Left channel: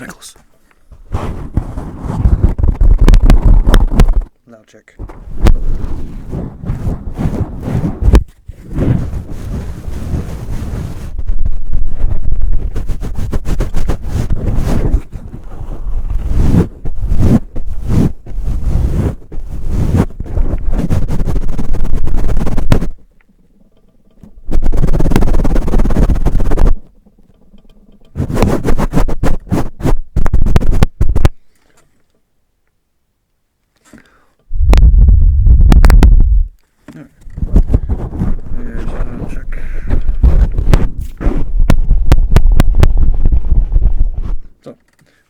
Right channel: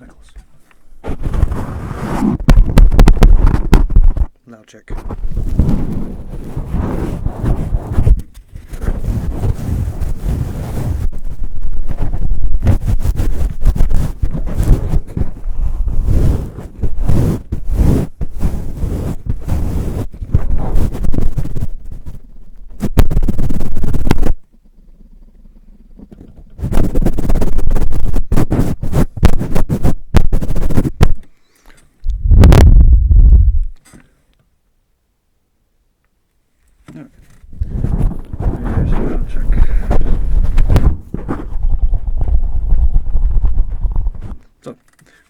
Nicholas. Loud check. So,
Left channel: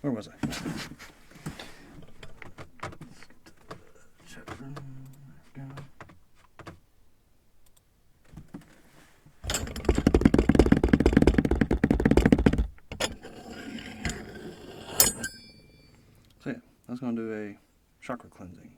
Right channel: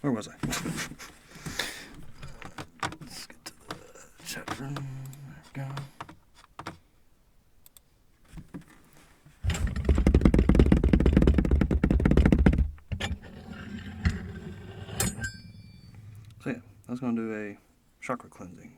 where was I? Let's get to the chat room. There we go. So yeah, I was going to do a chakra cleansing.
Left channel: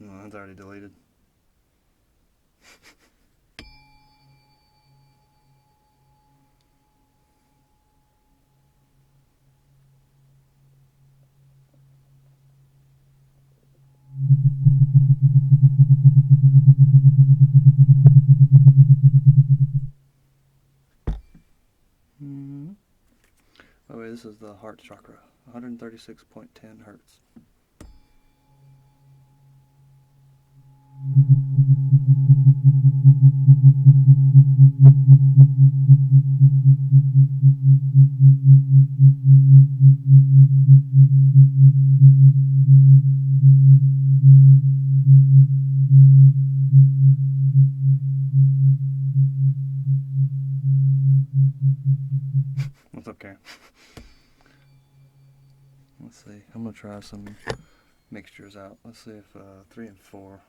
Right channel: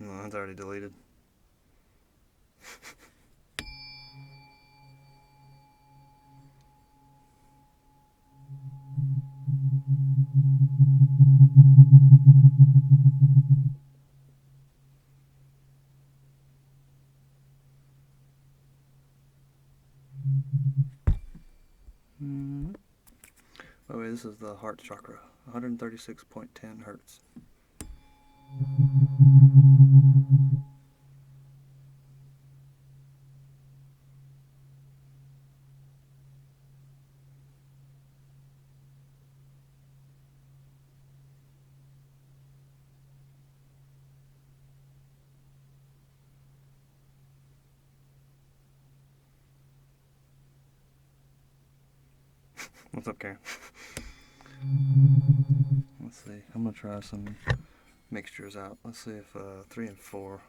No, that's already deleted. By the way, this is the heart chakra, 136.10 hertz. What's up, Karen? Let's see. I'm going to try some mixtures out. Let's see if 3 and 4.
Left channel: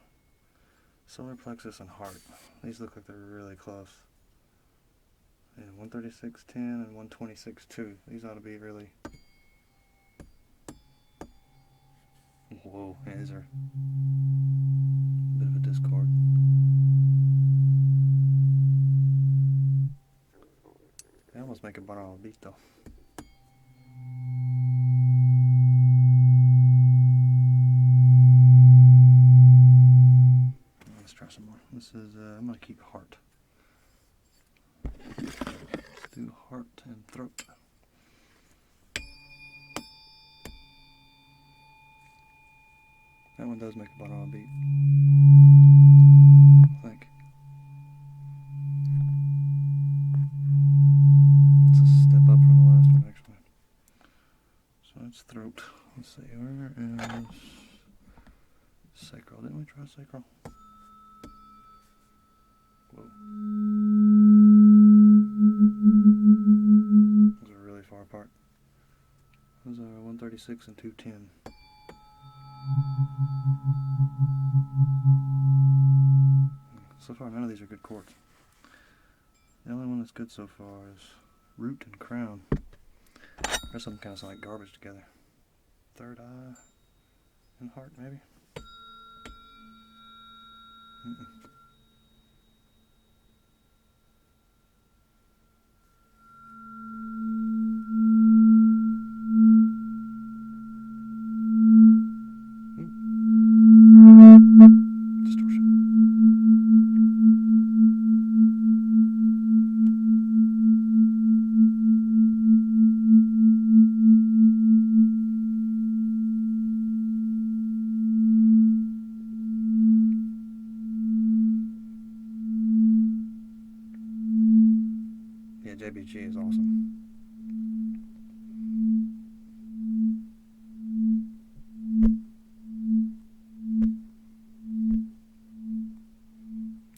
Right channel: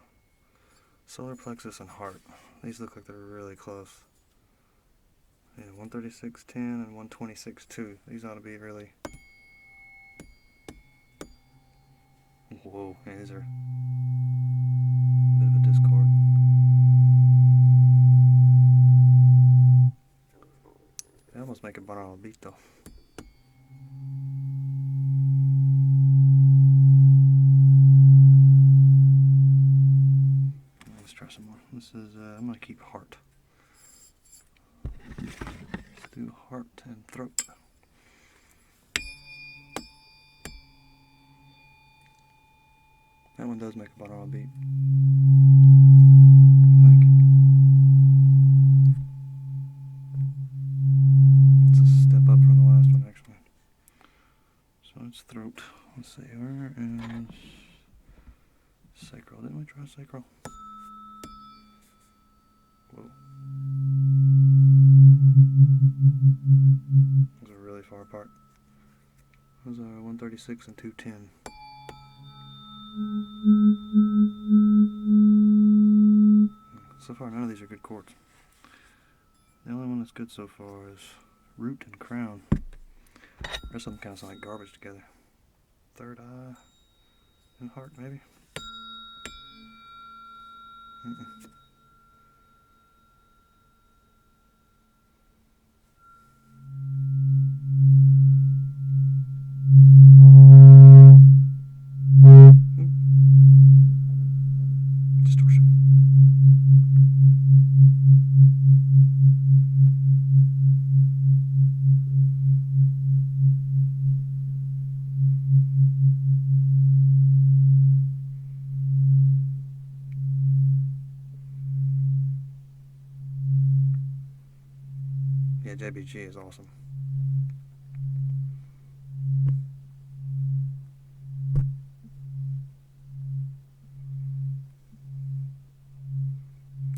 Solar plexus and heart. These look like they're really close. Yeah, 136.10 and 126.2. These ought to be really... Whoa, yeah, these are a bit of a discord. They almost make a binaural beat though. Let's try some more. This is, I'm going to keep heart. Let's do heart and throat. That one does make a binaural beat. I think. It's a step up from the last one, actually. So it's throat. Let's see, where is sacral? Didn't we try sacral? Whoa. Those are really far apart. Those are 136 and 210. So far, none of these are good chords. The only one that's good so far is root and crown. The rest of them kind of sound like garbage together. Third eye and heart, maybe? Distortion. Yeah, JBG is awesome.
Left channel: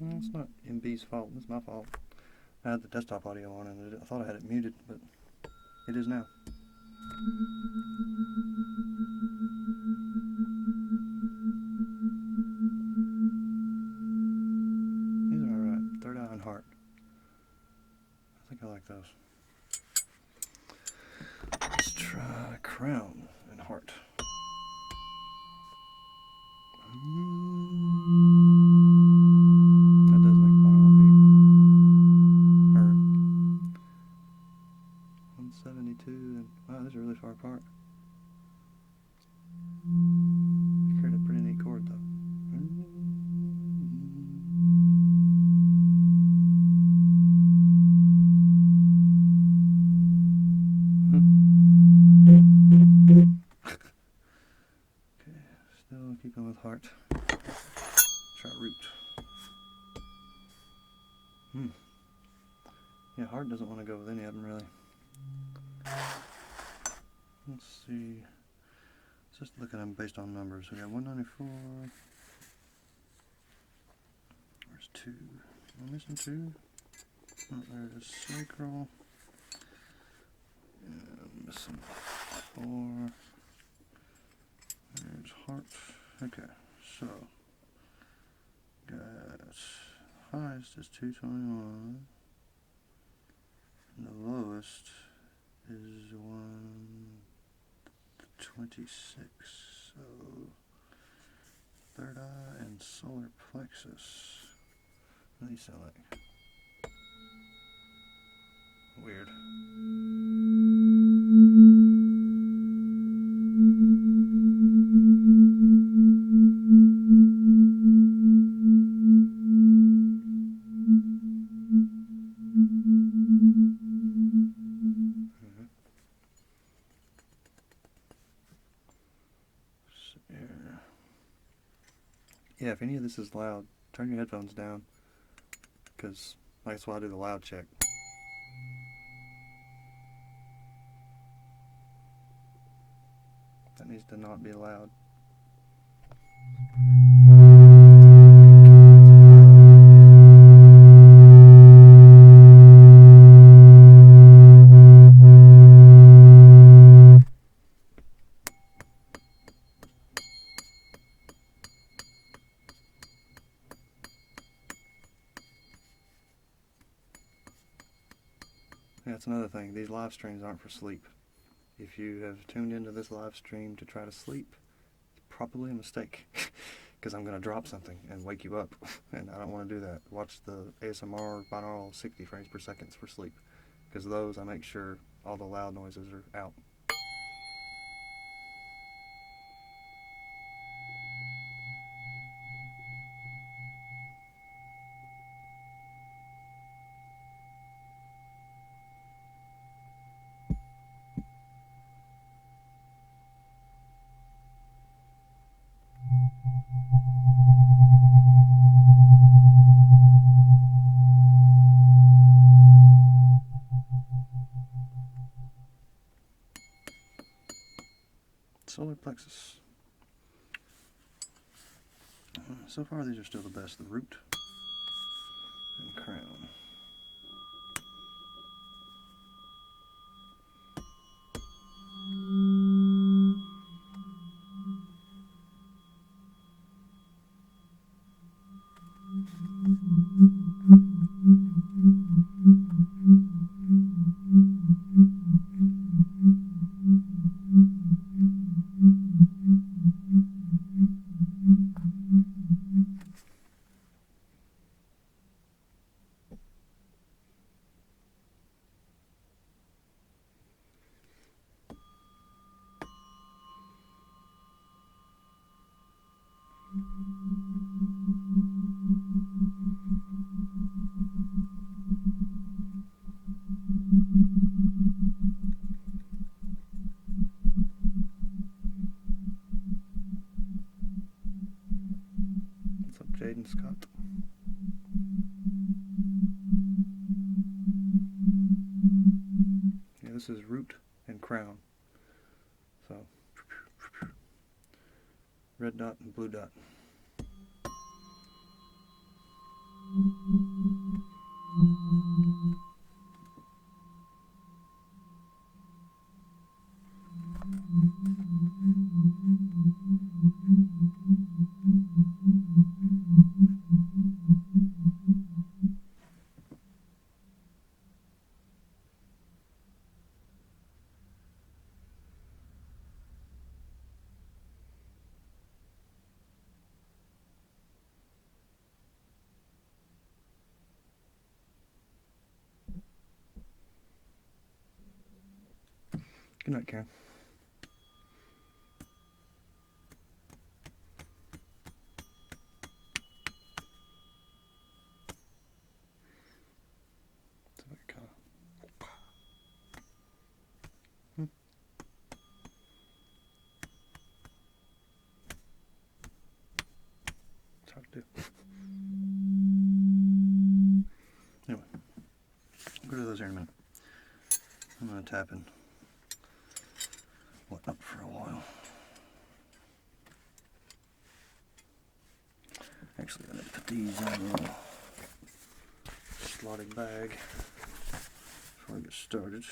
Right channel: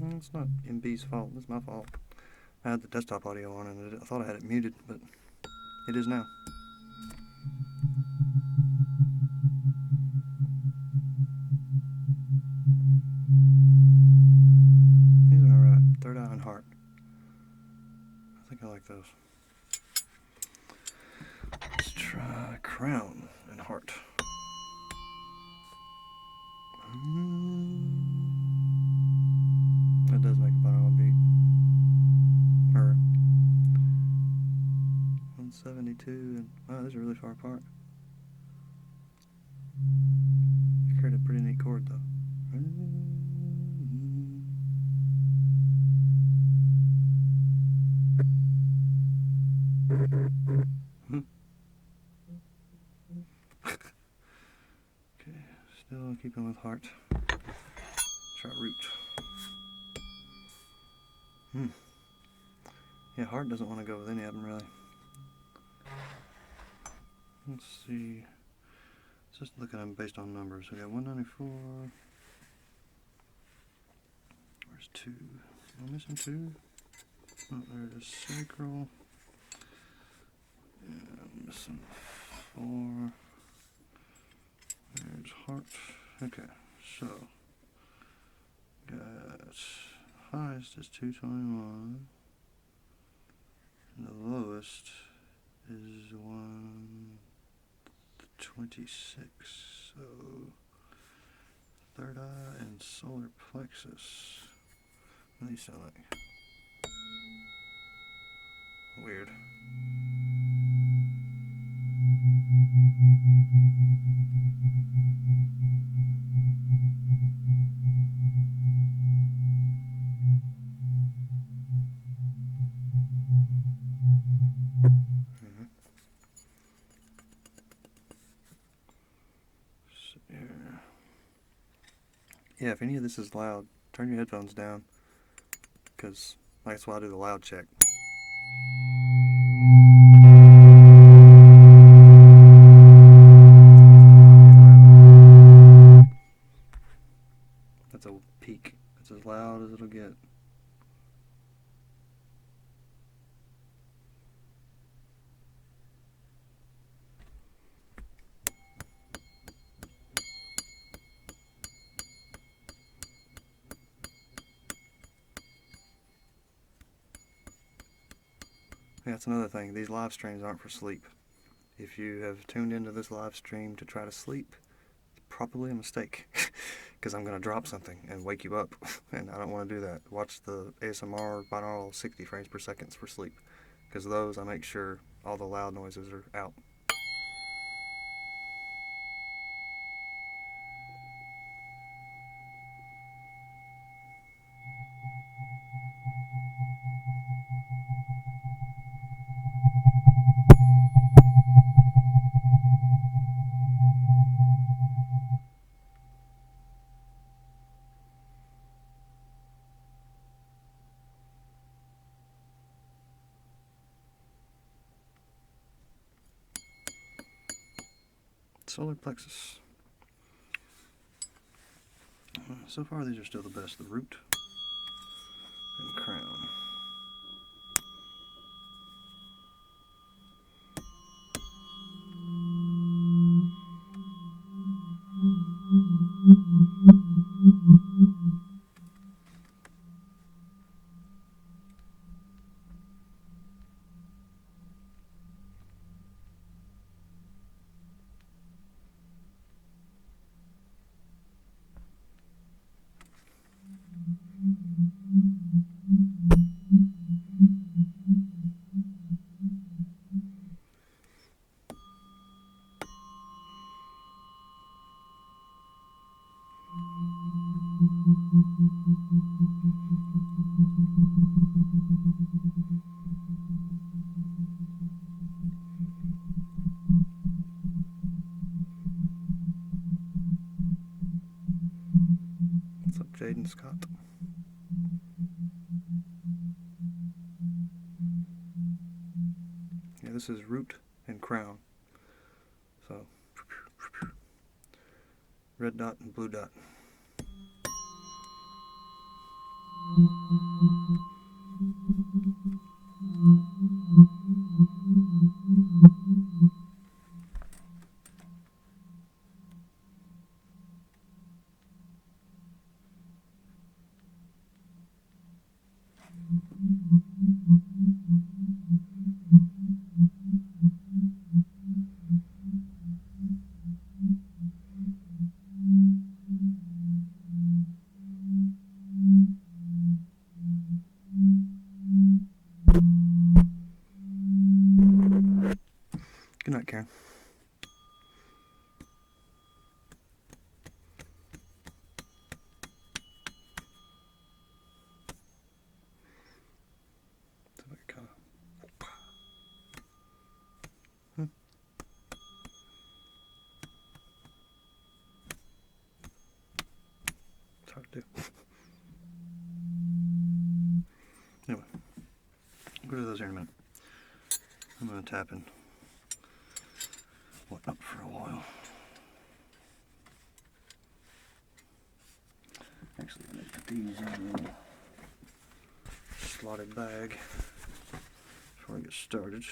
Well, it's not MB's fault, it's my fault. I had the desktop audio on and I thought I had it muted, but it is now. These like those. Let's try crown and heart. That does make a binaural beat. Or 172, and wow, these are really far apart. I created a pretty neat chord though. Okay, still keeping with heart. Try root. Yeah, heart doesn't want to go with any of them really. Let's see. Just looking at them based on numbers. We got 194. Where's 2? Am I missing 2? Oh, there it is. Sacral. Yeah, I'm missing 4. There's heart. Okay, so got highest is 221. And the lowest is 126. So third eye and solar plexus. What do these sound like? Weird. Yeah, if any of this is loud, turn your headphones down, because that's why I do the loud check. Yeah, that's another thing. These live streams aren't for sleep. If you have tuned into this live stream to try to sleep, it's probably a mistake. Because I'm going to drop something and wake you up. And I don't want to do that. Watch the ASMR binaural 60 frames per second for sleep. Because those, I make sure all the loud noises are out. Solar plexus. So far these are still the best. The root and crown. What's up, Jaden Scott? Yeah, this is root and crown. So, red dot and blue dot. here. It's hard to do. Anyway, I'll go to those here in a minute. I'm going to tap and whatnot for a while. Actually, I'm going to put these in a little slotted bag before I get started.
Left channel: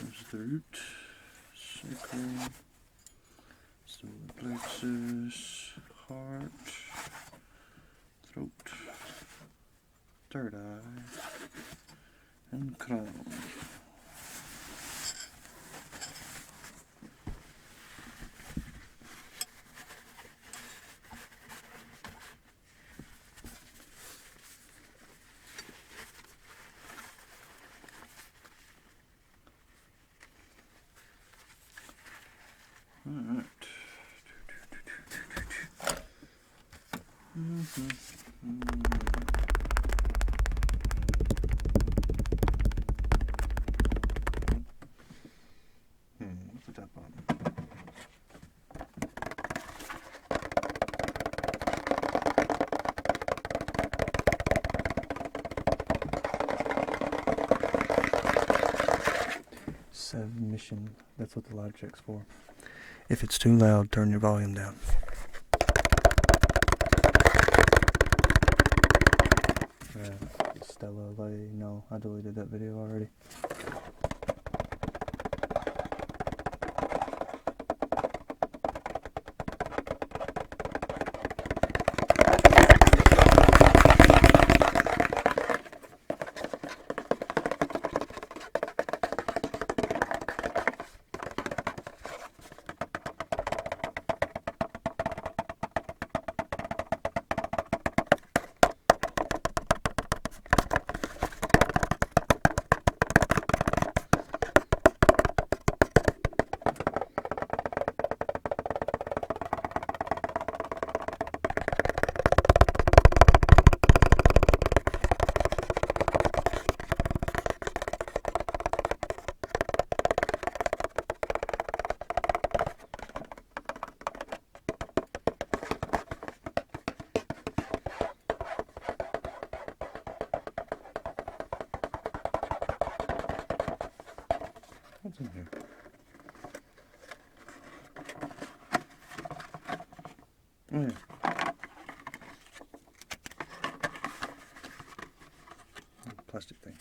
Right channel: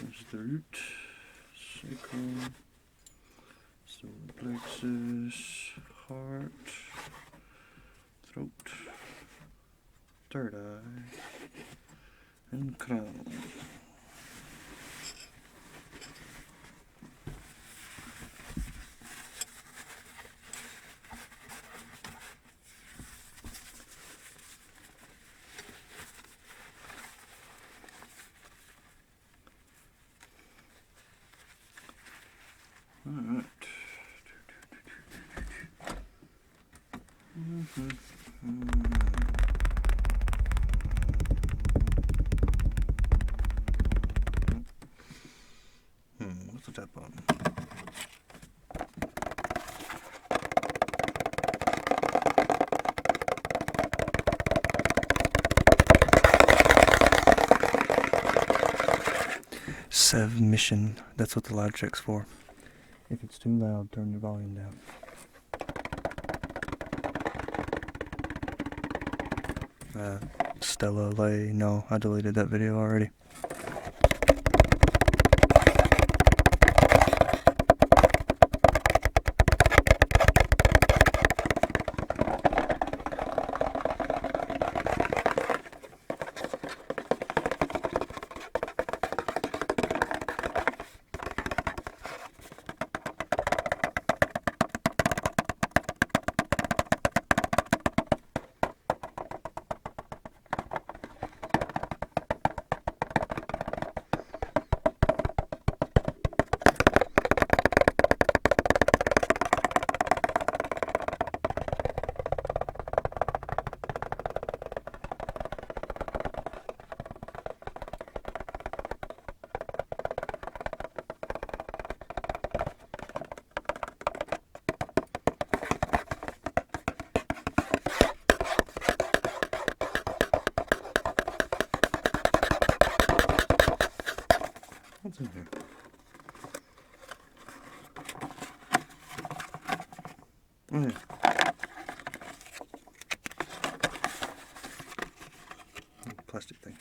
There's the root, sacral, solar plexus, heart, throat, third eye, and crown. All right. What's the tap on? Submission. That's what the loud check's for. If it's too loud, turn your volume down. Stella Lay. No, I deleted that video already. What's in here? Oh yeah. Plastic things.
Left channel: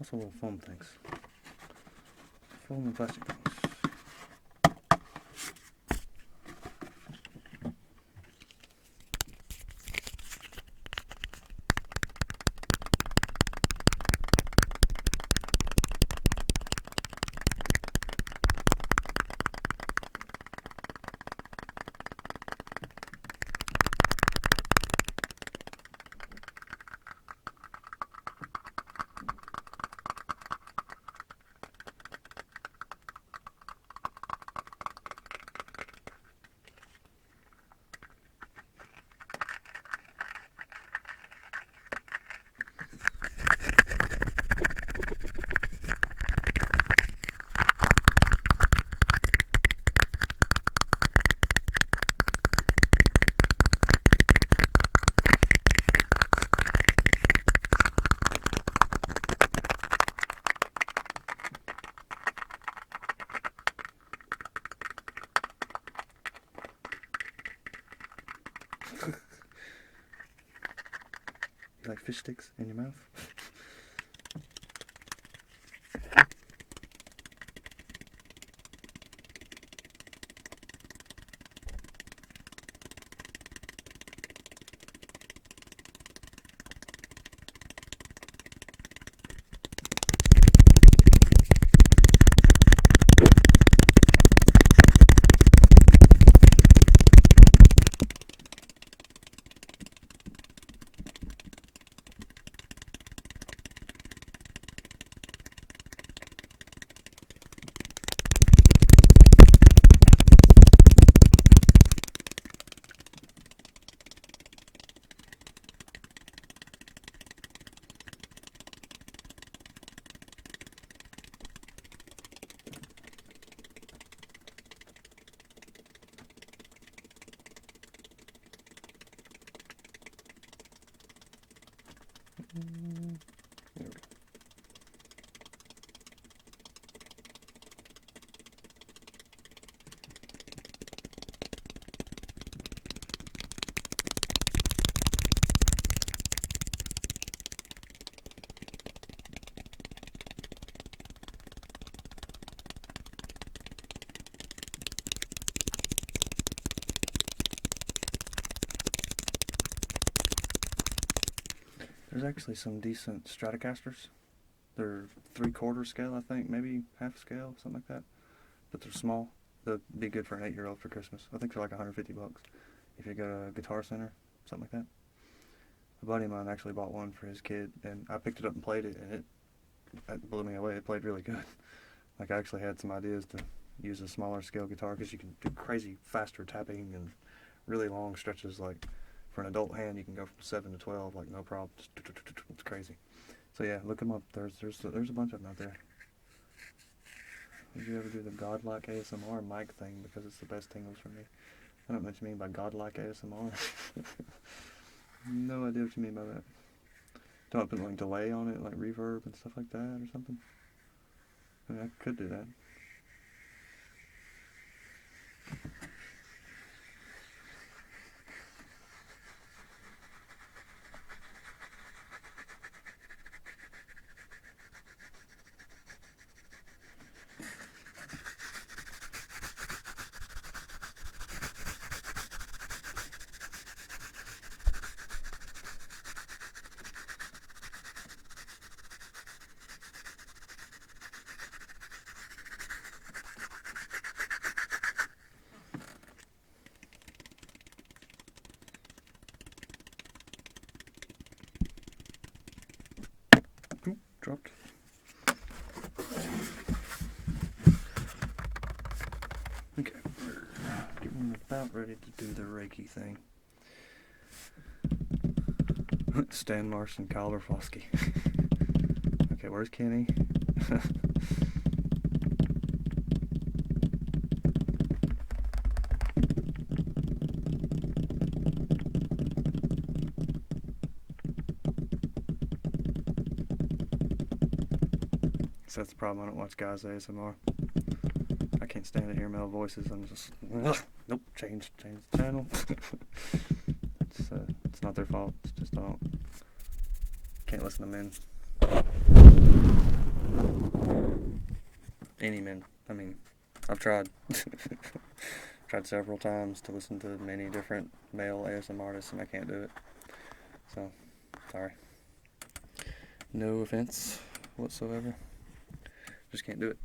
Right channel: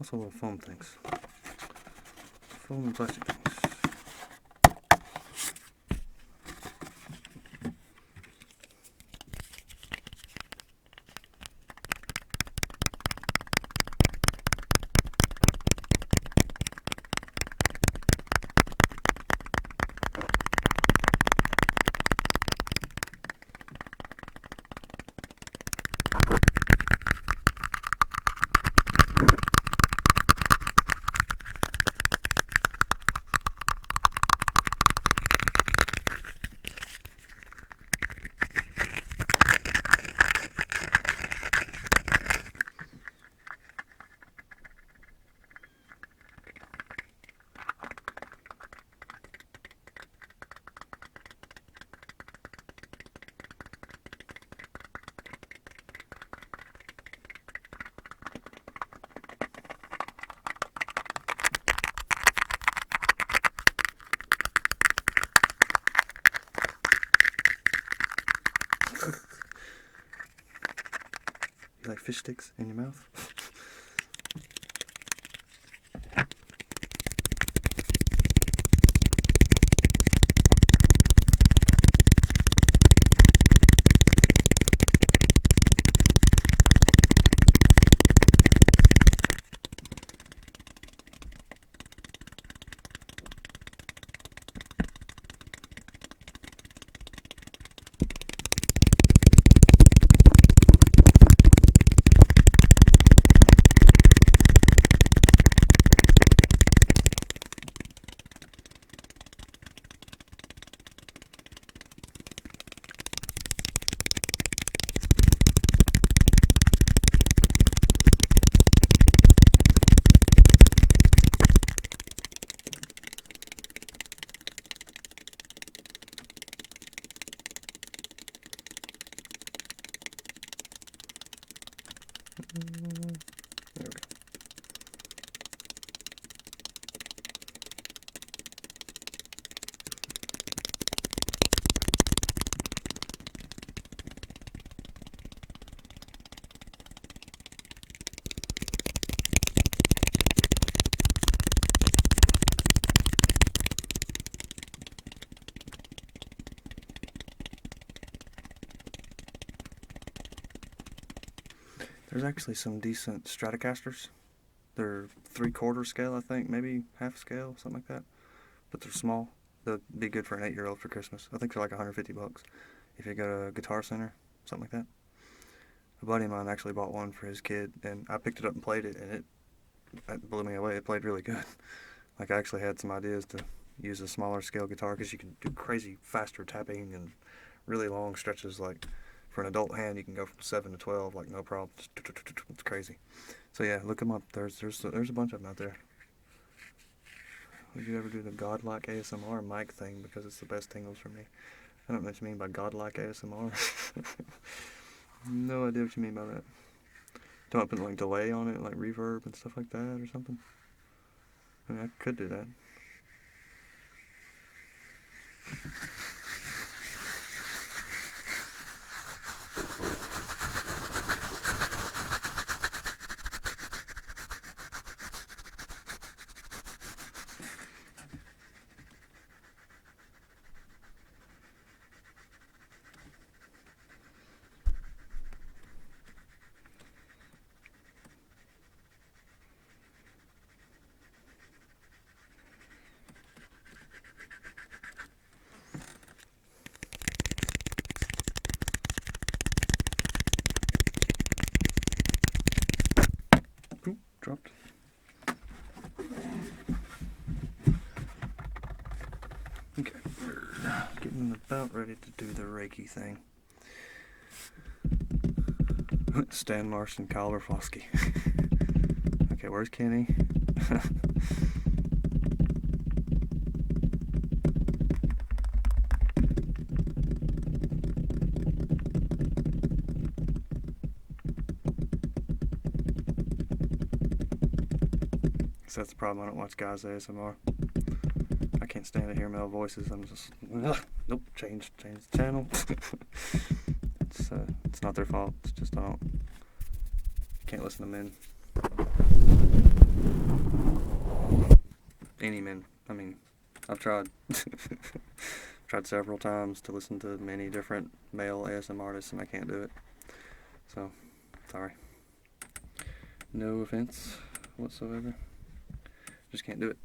Also little foam things. Foam and plastic things. You like fish sticks in your mouth? There we go. There's actually some decent Stratocasters. They're 3/4 scale, I think, maybe half scale, something like that. But they're small. They'll be good for an 8-year-old for Christmas. I think they're like $150 if you go to a Guitar Center, something like that. A buddy of mine actually bought one for his kid, and I picked it up and played it, and it blew me away. It played really good. Like, I actually had some ideas to use a smaller scale guitar because you can do crazy faster tapping and really long stretches. Like, for an adult hand, you can go from 7 to 12, like, no problem. It's crazy. So yeah, look them up. There's a bunch of them out there. Would you ever do the godlike ASMR mic thing because it's the best tingles for me? I don't know what you mean by godlike ASMR. No idea what you mean by that. Don't I put like delay on it, like reverb and stuff like that or something? I mean, I could do that. Dropped. Okay, we're getting about ready to do the Reiki thing. Stan Marsh and Kyle Berflosky. Okay, where's Kenny? So that's the problem. I don't watch guys ASMR. I can't stand to hear male voices. I'm just nope. Change the channel. It's not their fault. It's just I can't listen to men. Any men. I mean, I've tried. Tried several times to listen to many different male ASMR artists, and I can't do it. So, sorry. No offense whatsoever. Just can't do it.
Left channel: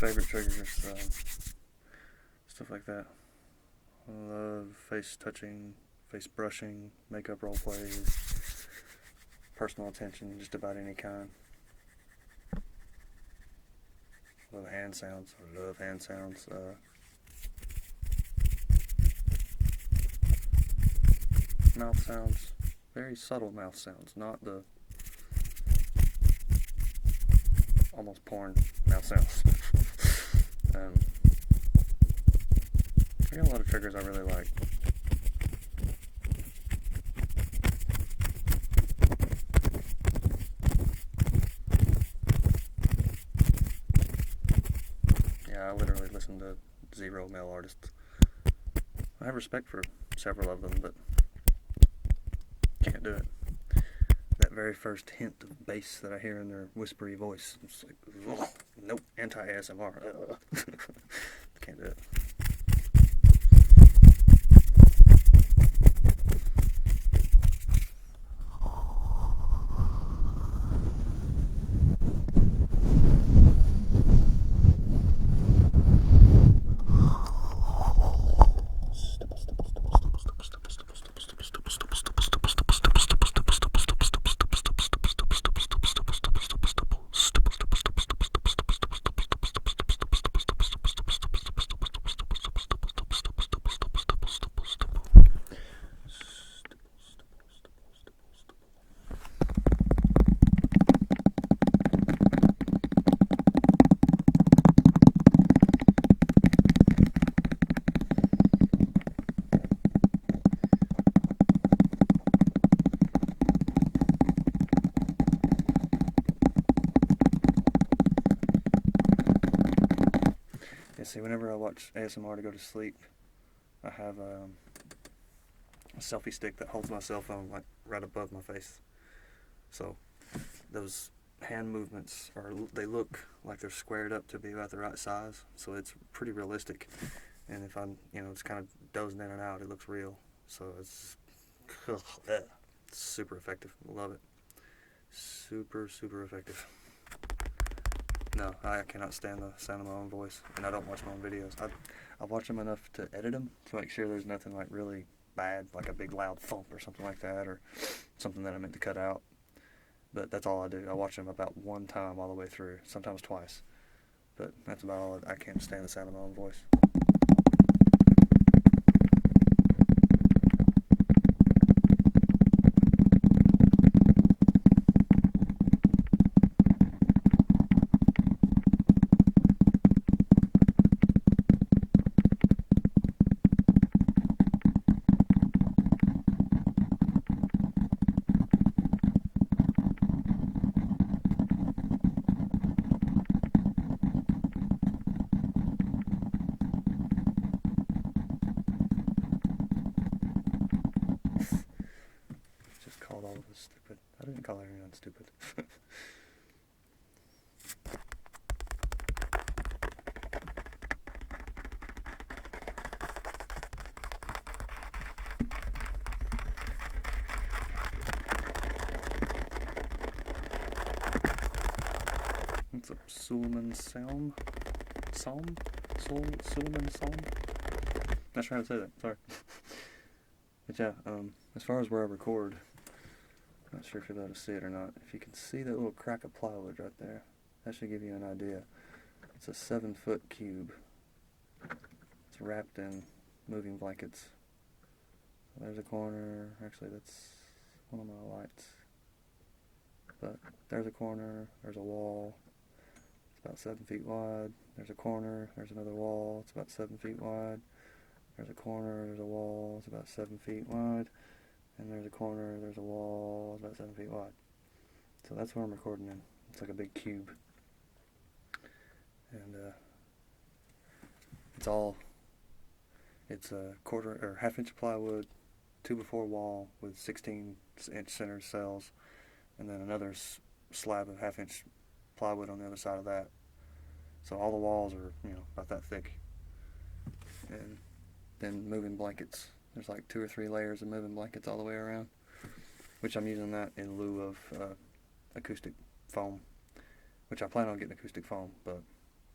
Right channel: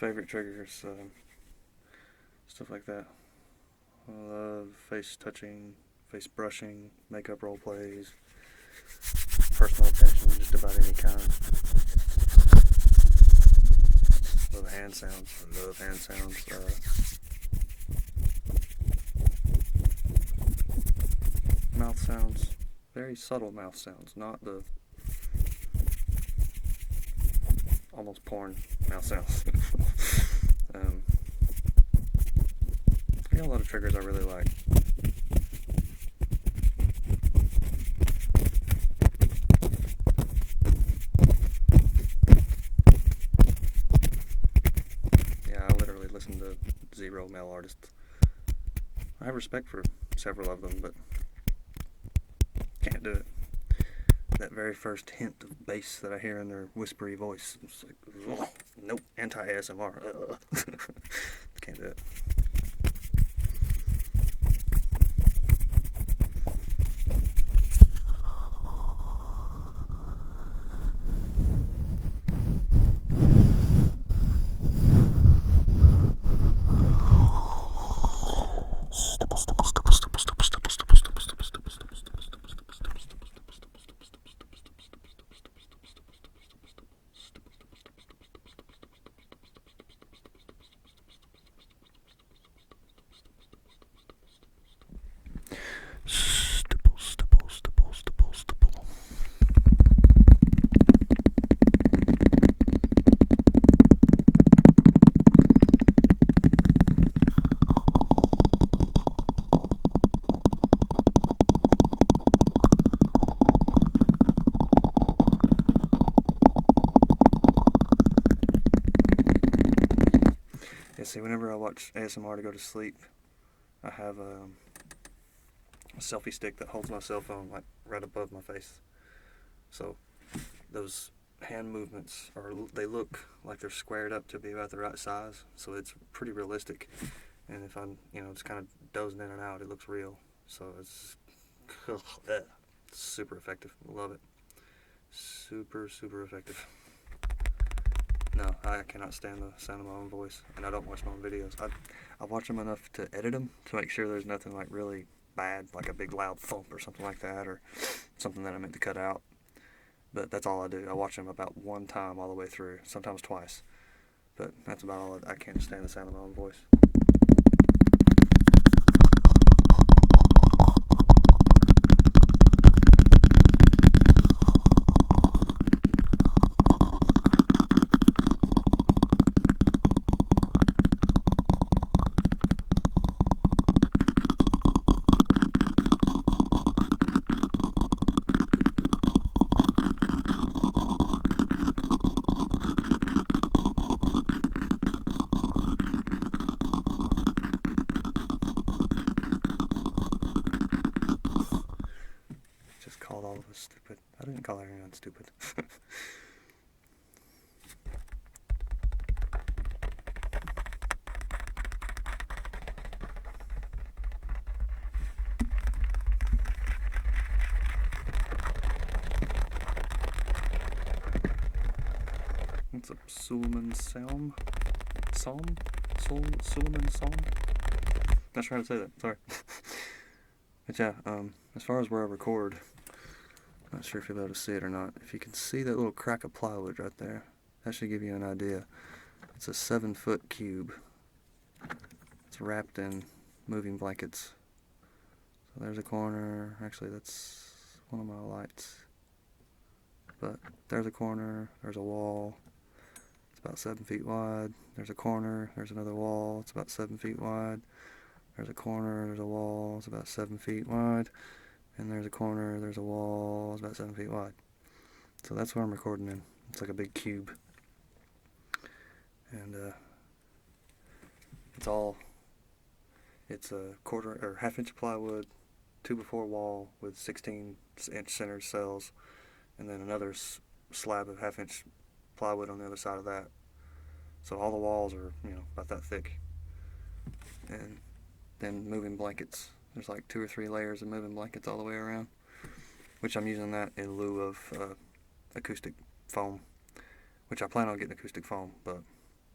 Favorite triggers, stuff like that. I love face touching, face brushing, makeup role plays, personal attention, just about any kind. Love hand sounds. Mouth sounds, very subtle mouth sounds, not the almost porn mouth sounds. I got a lot of triggers I really like. Yeah, I literally listen to 0 male artists. I have respect for several of them, but can't do it. That very first hint of bass that I hear in their whispery voice, it's like, ugh, nope, anti-ASMR. Can't do it. see, whenever I watch ASMR to go to sleep, I have a selfie stick that holds my cell phone like right above my face. So those hand movements they look like they're squared up to be about the right size, so it's pretty realistic. And if I'm, just kind of dozing in and out, it looks real. So it's super effective. Love it. Super, super effective. No, I cannot stand the sound of my own voice, and I don't watch my own videos. I watch them enough to edit them to make sure there's nothing like really bad, like a big loud thump or something like that, or something that I meant to cut out. But that's all I do. I watch them about one time all the way through, sometimes twice. But that's about all. I can't stand the sound of my own voice. Called all of us stupid. I didn't call everyone stupid. What's a Suleiman Psalm? Suleiman Psalm? Not sure how to say that, sorry. But yeah, as far as where I record, not sure if you'll be able to see it or not. If you can see that little crack of plywood right there, that should give you an idea. It's a 7-foot cube. It's wrapped in moving blankets. So there's a corner. Actually, that's one of my lights. But there's a corner. There's a wall. It's about 7 feet wide. There's a corner. There's another wall. It's about 7 feet wide. There's a corner. There's a wall. It's about 7 feet wide. And there's a corner, there's a wall, it's about 7 feet wide. So that's what I'm recording in. It's like a big cube. And it's a quarter or half-inch plywood, 2x4 wall with 16-inch centered cells, and then another slab of half-inch plywood on the other side of that. So all the walls are, about that thick. And then moving blankets. There's like 2 or 3 layers of moving blankets all the way around, which I'm using that in lieu of acoustic foam, which I plan on getting acoustic foam, but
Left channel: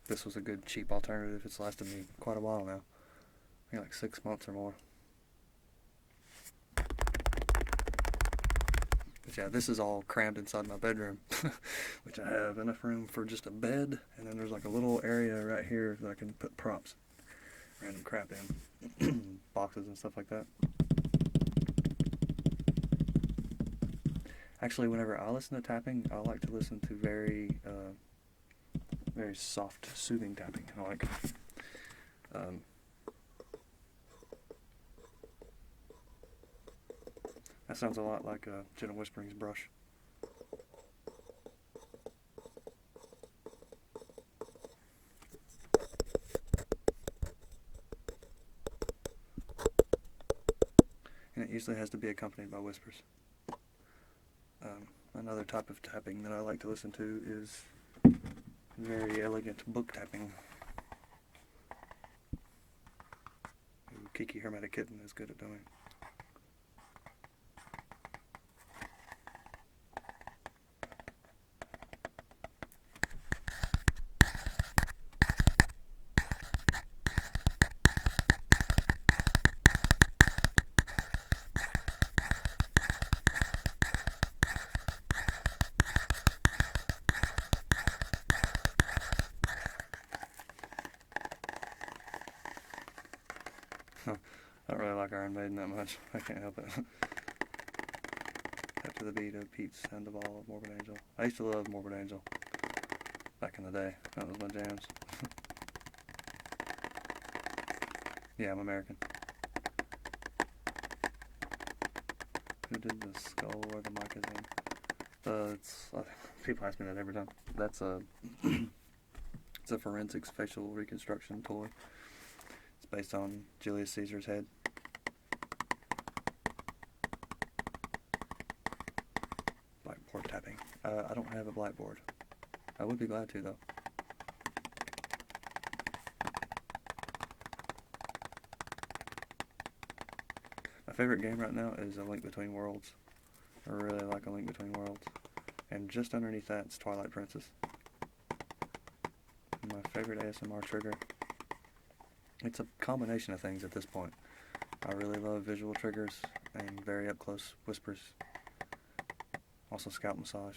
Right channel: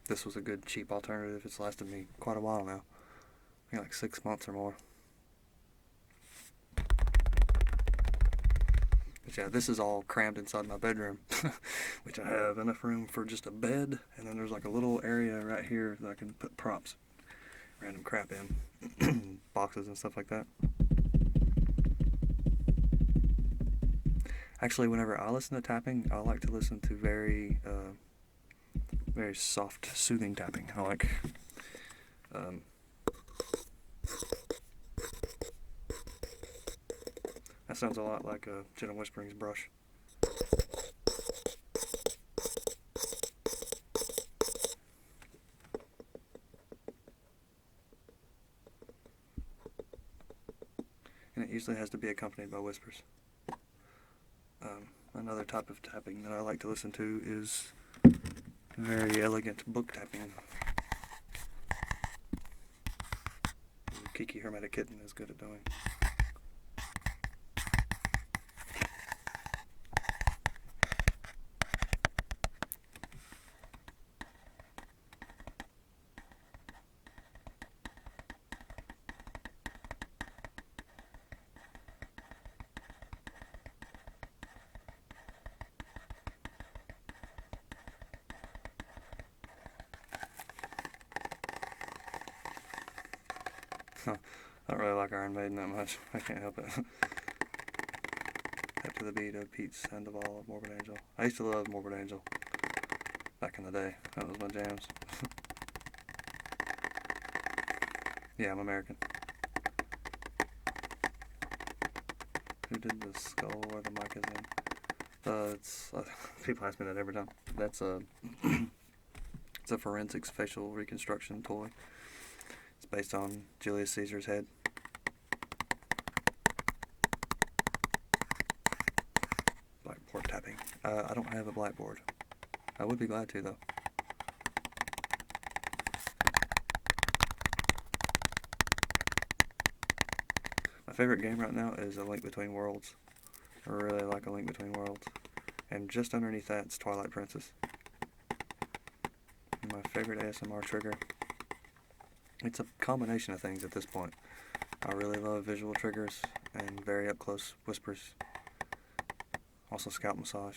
this was a good cheap alternative. It's lasted me quite a while now. I think like 6 months or more. But yeah, this is all crammed inside my bedroom, which I have enough room for just a bed, and then there's like a little area right here that I can put props, random crap in, boxes and stuff like that. Actually, whenever I listen to tapping, I like to listen to very soft, soothing tapping. I like that sounds a lot like Gentle Whispering's brush. And it usually has to be accompanied by whispers. Another type of tapping that I like to listen to is very elegant book tapping. Kiki Hermetic Kitten is good at doing. I don't really like Iron Maiden that much. I can't help it. After the beat of Pete's End of All of Morbid Angel. I used to love Morbid Angel back in the day. That was my jams. Yeah, I'm American. Who did the skull where the mic is in? People ask me that every time. That's It's a forensics facial reconstruction toy. It's based on Julius Caesar's head. Blackboard tapping. I don't have a blackboard. I would be glad to, though. My favorite game right now is A Link Between Worlds. I really like A Link Between Worlds. And just underneath that is Twilight Princess. My favorite ASMR trigger. It's a combination of things at this point. I really love visual triggers and very up close whispers. Also scalp massage.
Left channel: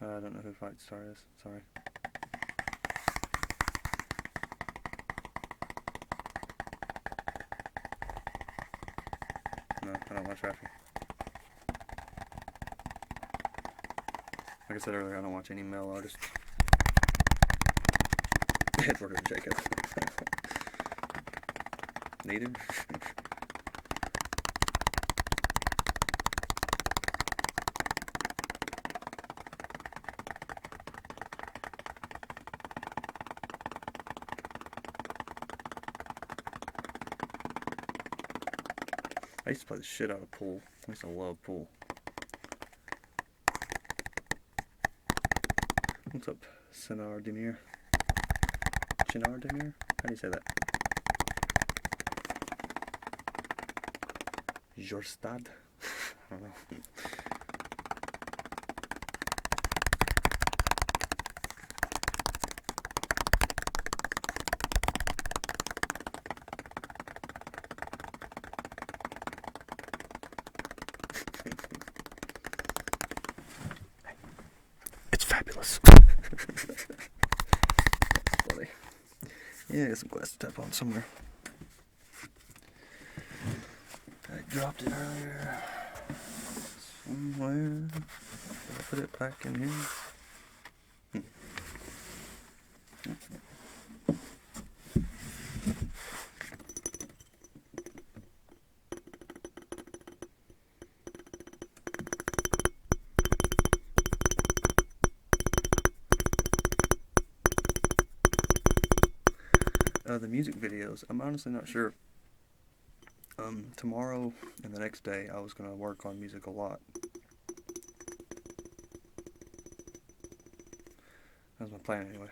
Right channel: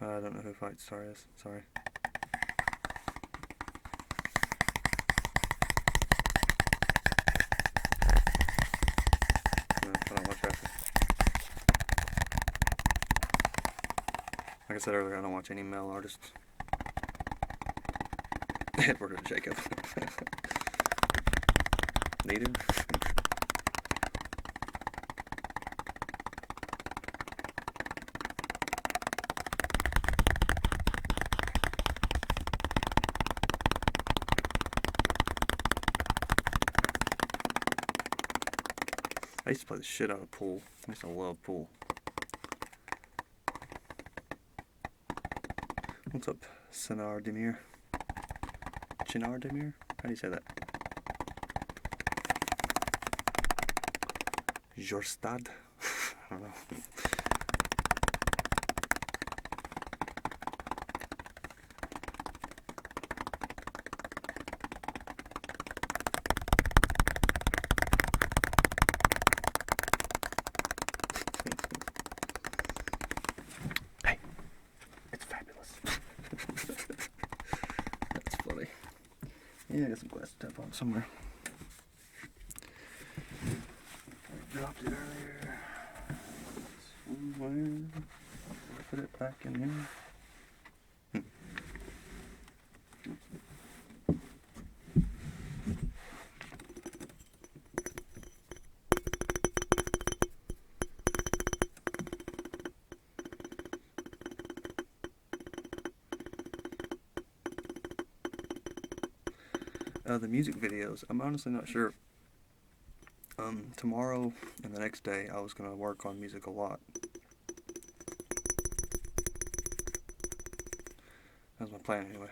I don't know who Fight Star is, sorry. No, I don't watch wrestling. Like I said earlier, I don't watch any male artists. Edward or Jacob. Neither. I used to play the shit out of pool. I used to love pool. What's up, Sinar Demir? Chinar Demir? How do you say that? Jorstad? I don't know. Hey, it's fabulous. That's funny. Yeah, get some glass to tap on somewhere. I dropped it earlier. Somewhere. Did I put it back in here? The music videos, I'm honestly not sure. Tomorrow and the next day I was going to work on music a lot. That was my plan anyway.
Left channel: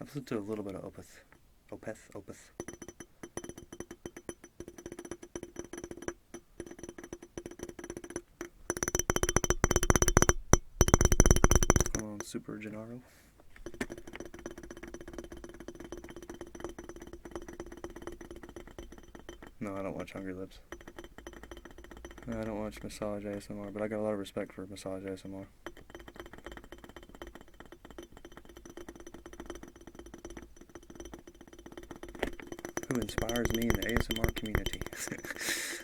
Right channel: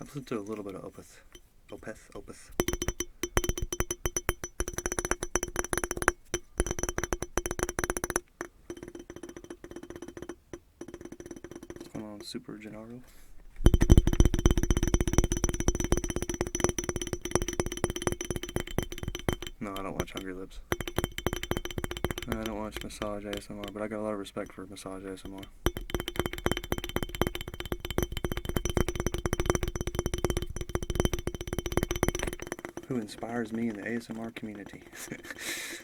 I've listened to a little bit of Opeth. Come on, Super Gennaro. No, I don't watch Hungry Lips. I don't watch massage ASMR, but I got a lot of respect for massage ASMR. Who inspires me in the ASMR community?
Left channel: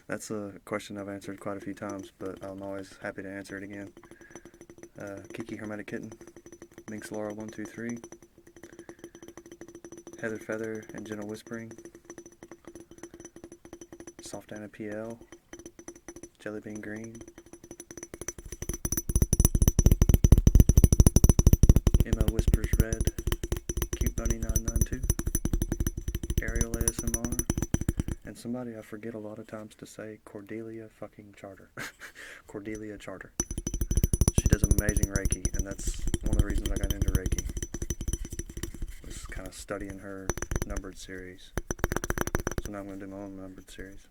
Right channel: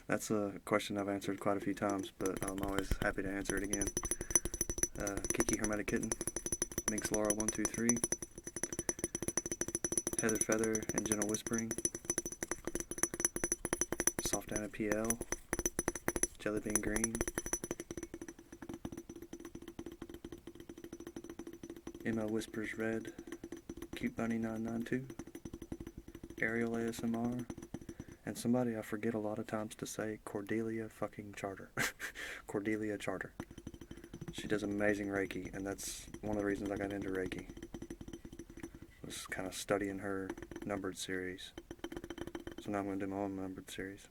That's a question I've answered quite a few times, but I'm always happy to answer it again. Kiki Hermetic Kitten, Minx Laura 123, Heather Feather and Gentle Whispering, Soft Anna PL, Jellybean Green, Emma Whispers Red, Cute Bunny 992, Ariel ASMR, and somebody I forget a lot of times to say, Cordelia fucking Charter. Cordelia Charter. She does amazing Reiki, and that's one of the reasons I got into Reiki. Was kind of studying her numbered series. So now I'm going to do my own numbered series.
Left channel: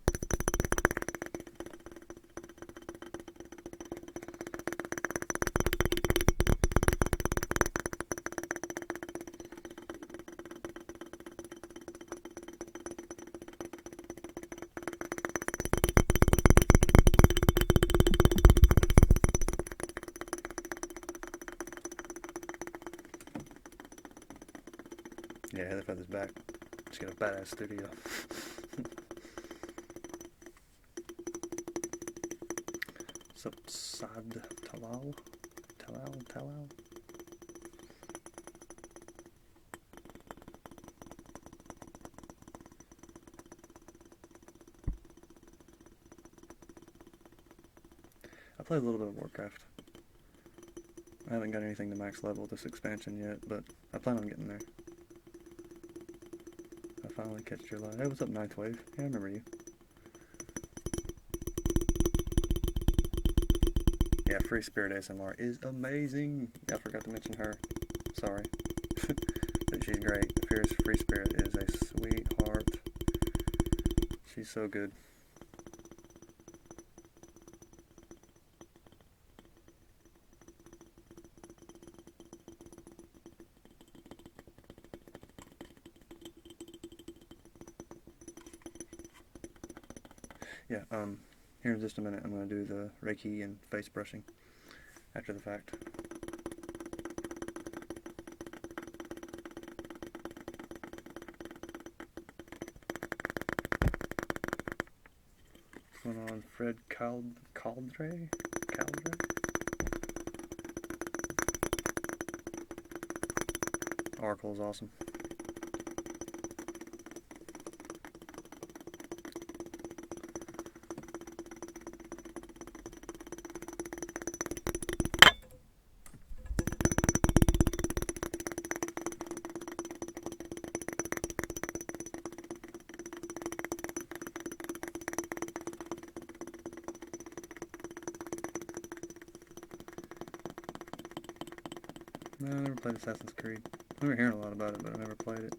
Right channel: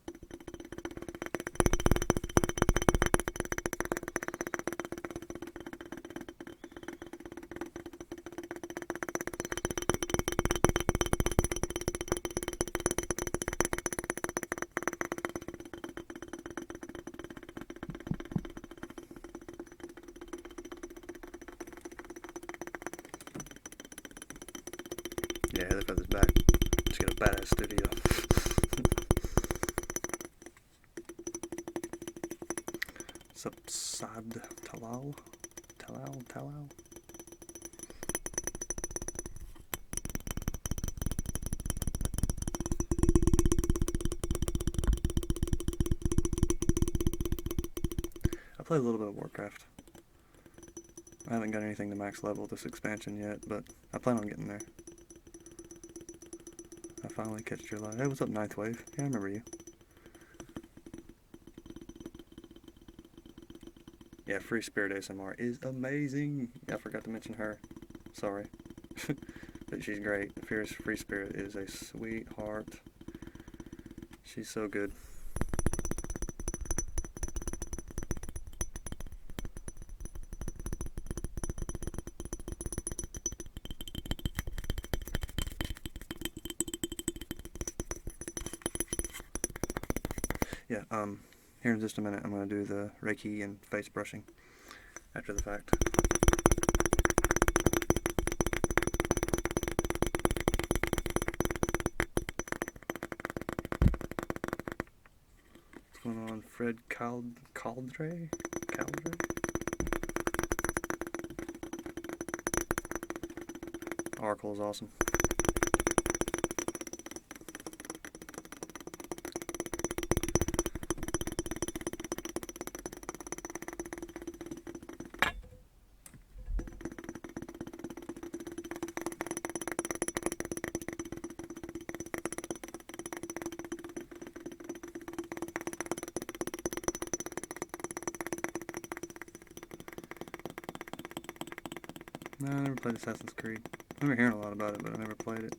Yeah, Heather Feather's back. She's got a badass studio. Subsad Talal? Talal? play a little bit of Warcraft. I haven't got anything to max level this expansion yet, but I plan on getting there. I finally catched your light. Hey, what's up, Ninth Wave? Yeah, I remember you. Yeah, Free Spirit ASMR is amazing. Yeah, I forgot to mention her. Sorry. But she's great. Fierce Free Spirit is a sweetheart. She's so good. Yeah, here in just a minute I'm going to do the Reiki and face brushing after the fact. What's going on, Fred Caldre? Oracle is awesome. No, I never played Assassin's Creed. I remember hearing a lot about it, but I never played it.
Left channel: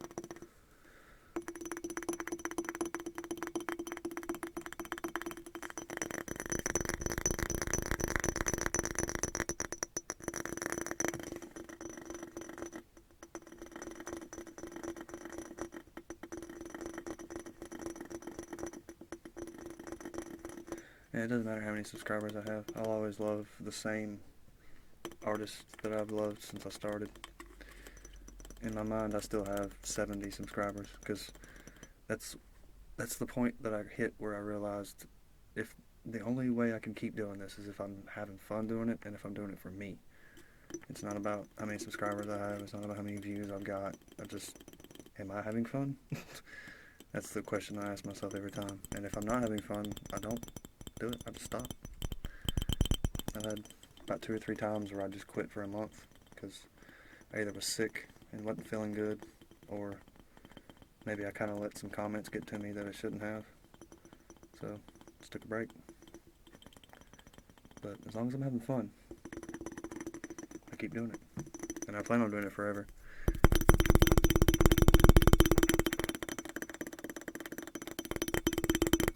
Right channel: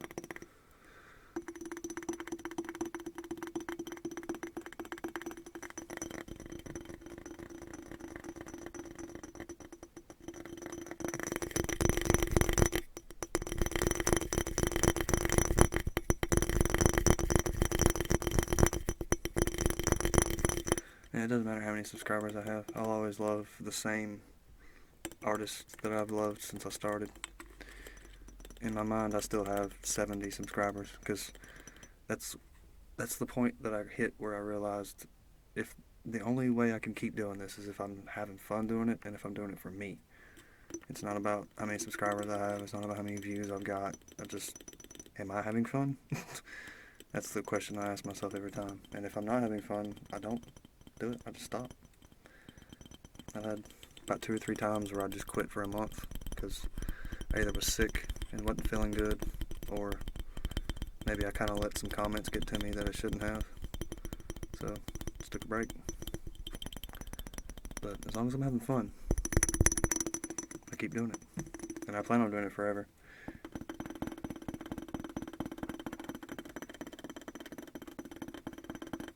Yeah, it doesn't matter how many subscribers I have. I'll always love the same artists that I've loved since I started. In my mind, I still have 70 subscribers because that's the point that I hit where I realized if the only way I can keep doing this is if I'm having fun doing it and if I'm doing it for me. It's not about how many subscribers I have. It's not about how many views I've got. Am I having fun? That's the question I ask myself every time. And if I'm not having fun, I don't do it. I just stop. I've had about 2 or 3 times where I just quit for a month because I either was sick and wasn't feeling good, or maybe I kind of let some comments get to me that I shouldn't have. So, just took a break. But as long as I'm having fun, I keep doing it. And I plan on doing it forever.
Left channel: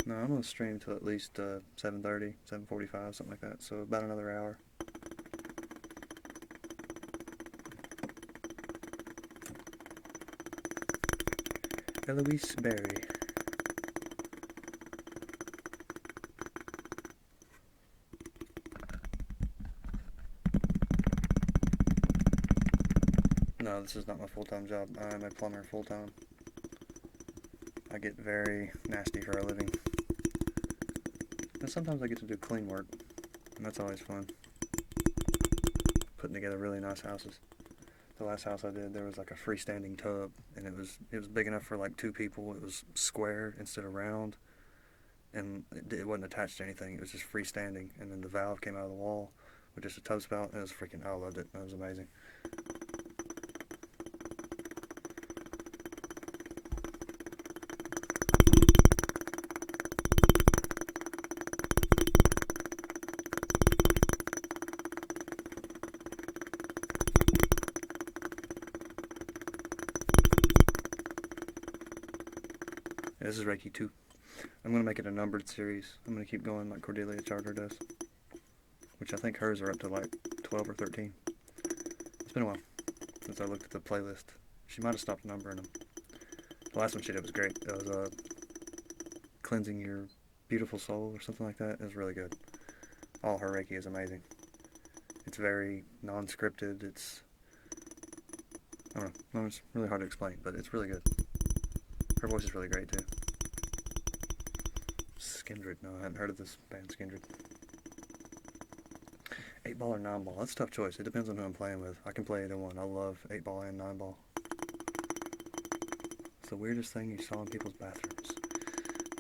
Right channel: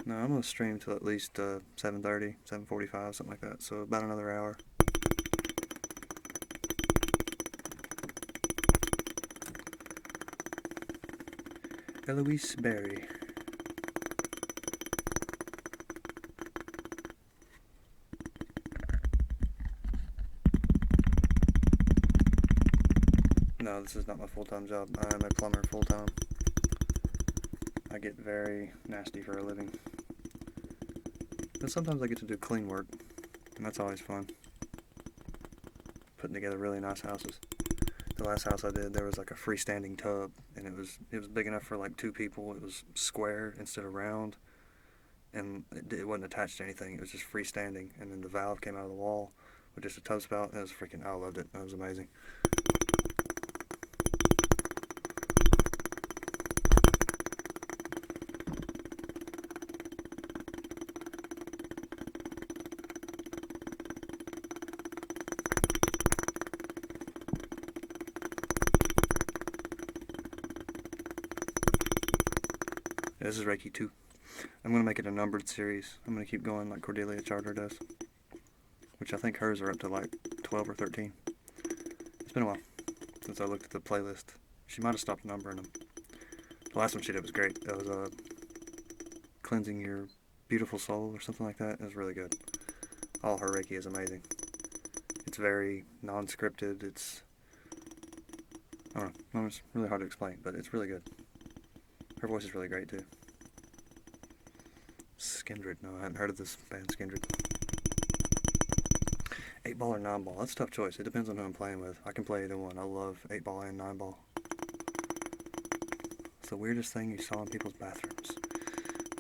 No, I'm going to stream till at least 7:30, 7:45, something like that. So about another hour. Eloise Berry. No, this is not my full-time job. I am a plumber full-time. I get very nasty for a living. But sometimes I get to do clean work, and that's always fun. Putting together really nice houses. The last house I did, there was like a freestanding tub, and it was big enough for like 2 people. It was square instead of round, and it wasn't attached to anything. It was just freestanding, and then the valve came out of the wall with just a tub spout, and it was freaking, I loved it. It was amazing. This is Reiki 2. I'm going to make it a numbered series. I'm going to keep going like Cordelia Charter does, which I think hers are up to like 12 or 13. It's been a while since I looked at the playlist. She might have stopped numbering them. The last one she did was great. It was Cleansing Your Beautiful Soul or something like that. It was really good. All her Reiki is amazing. It's very non-scripted. I don't know. It's really hard to explain, but it's really good. Her voice is really great too. Skindred. No, I hadn't heard of this band, Skindred. 8-ball or 9-ball? That's a tough choice. It depends on who I'm playing with. I can play either one. I love 8-ball and 9-ball. It's the weirdest thing you saw in people's bathrooms.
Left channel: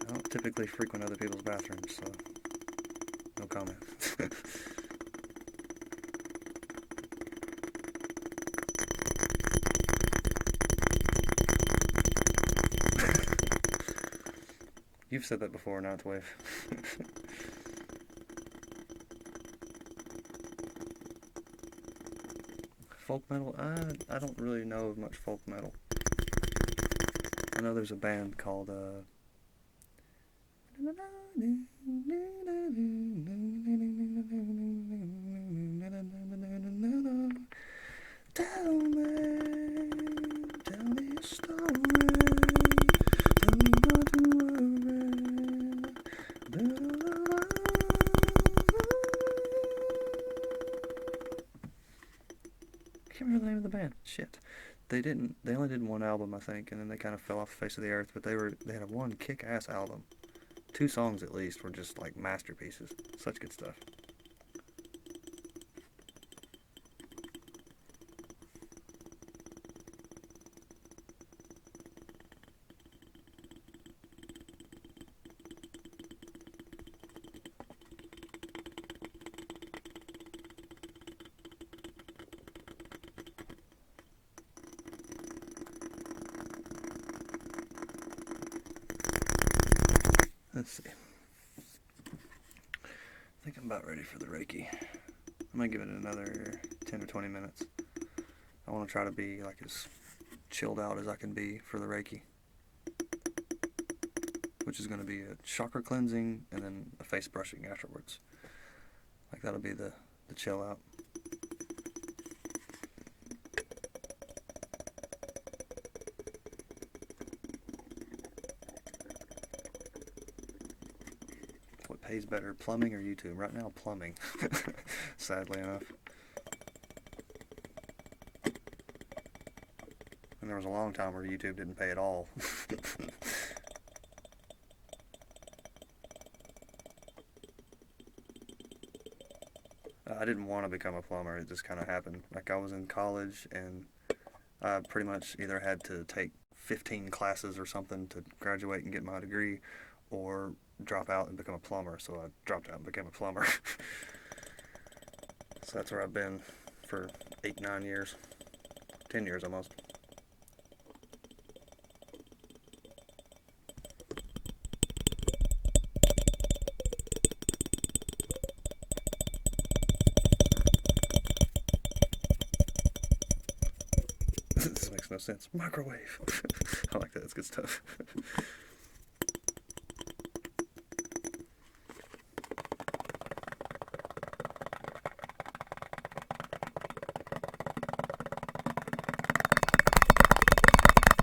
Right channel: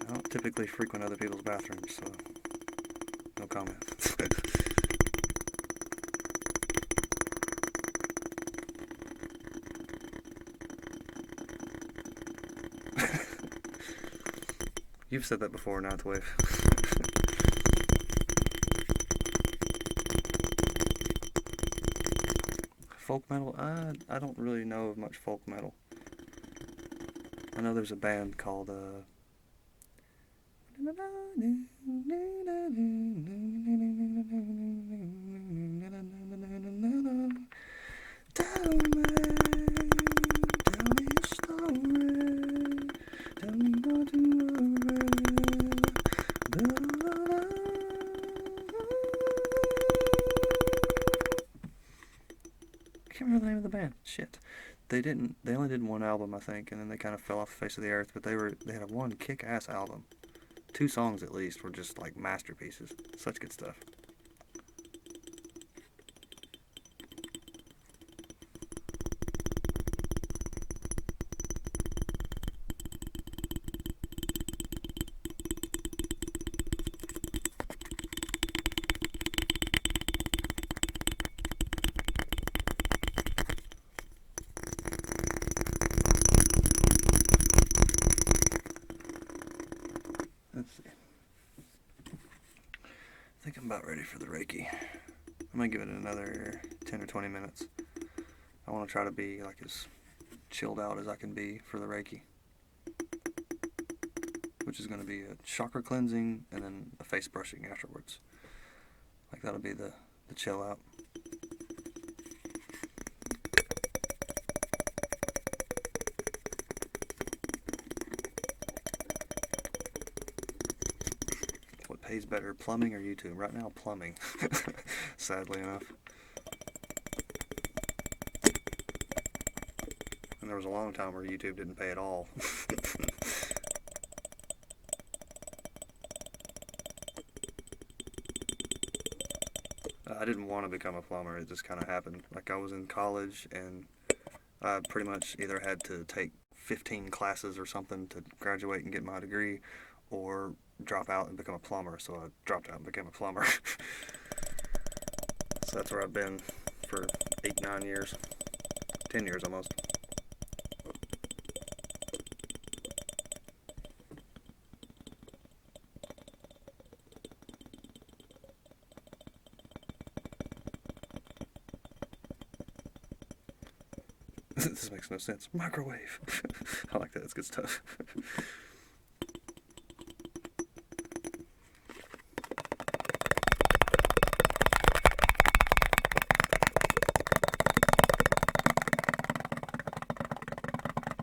I don't typically frequent other people's bathrooms, so no comment. You've said that before, Ninth Wave. Folk metal? I don't really know of much folk metal. I know there's a band called can't remember the name of the band. Shit. They only did one album, I think, and then they kind of fell off the face of the earth, but they had one kick-ass album. 2 songs at least were just like masterpieces. Such good stuff. Let's see. I think I'm about ready for the Reiki. I'm going to give it another 10 or 20 minutes. I want to try to be like as chilled out as I can be for the Reiki, which is going to be a chakra cleansing and then a face brushing afterwards. Like that'll be the chill out. What pays better, plumbing or YouTube? Right now, plumbing. Sadly enough. And there was a long time where YouTube didn't pay at all. I didn't want to become a plumber. It just kind of happened. Like I was in college and I pretty much either had to take 15 classes or something to graduate and get my degree, or drop out and become a plumber. So I dropped out and became a plumber. So that's where I've been for 8, 9 years. 10 years almost. This makes no sense. Microwave. I like that. It's good stuff.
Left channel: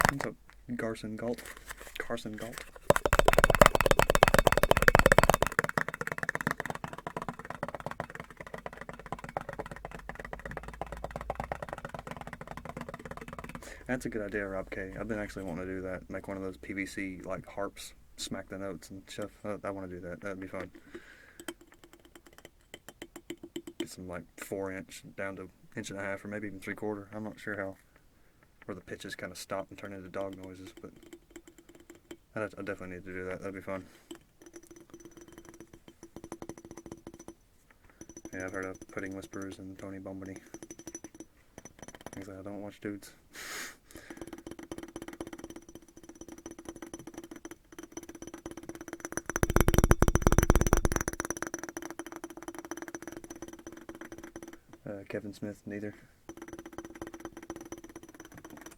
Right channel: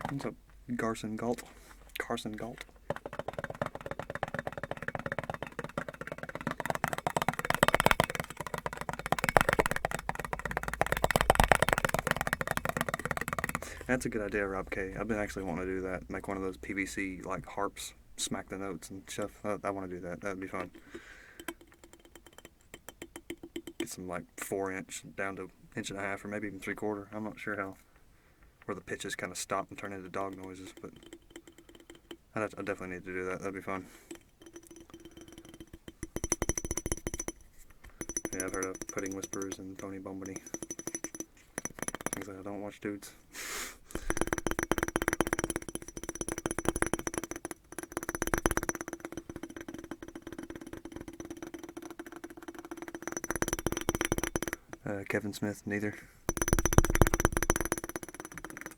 What's up, Carson Galt? Carson Galt. That's a good idea, Rob K. I've been actually wanting to do that. Make one of those PVC like harps, smack the notes and stuff. I want to do that. That'd be fun. Get some like 4-inch down to 1.5 or maybe even 3/4. I'm not sure how. Where the pitches kind of stop and turn into dog noises, but I definitely need to do that. That'd be fun. Yeah, I've heard of Pudding Whisperers and Tony Bombany. Things like I don't watch dudes. Kevin Smith, neither.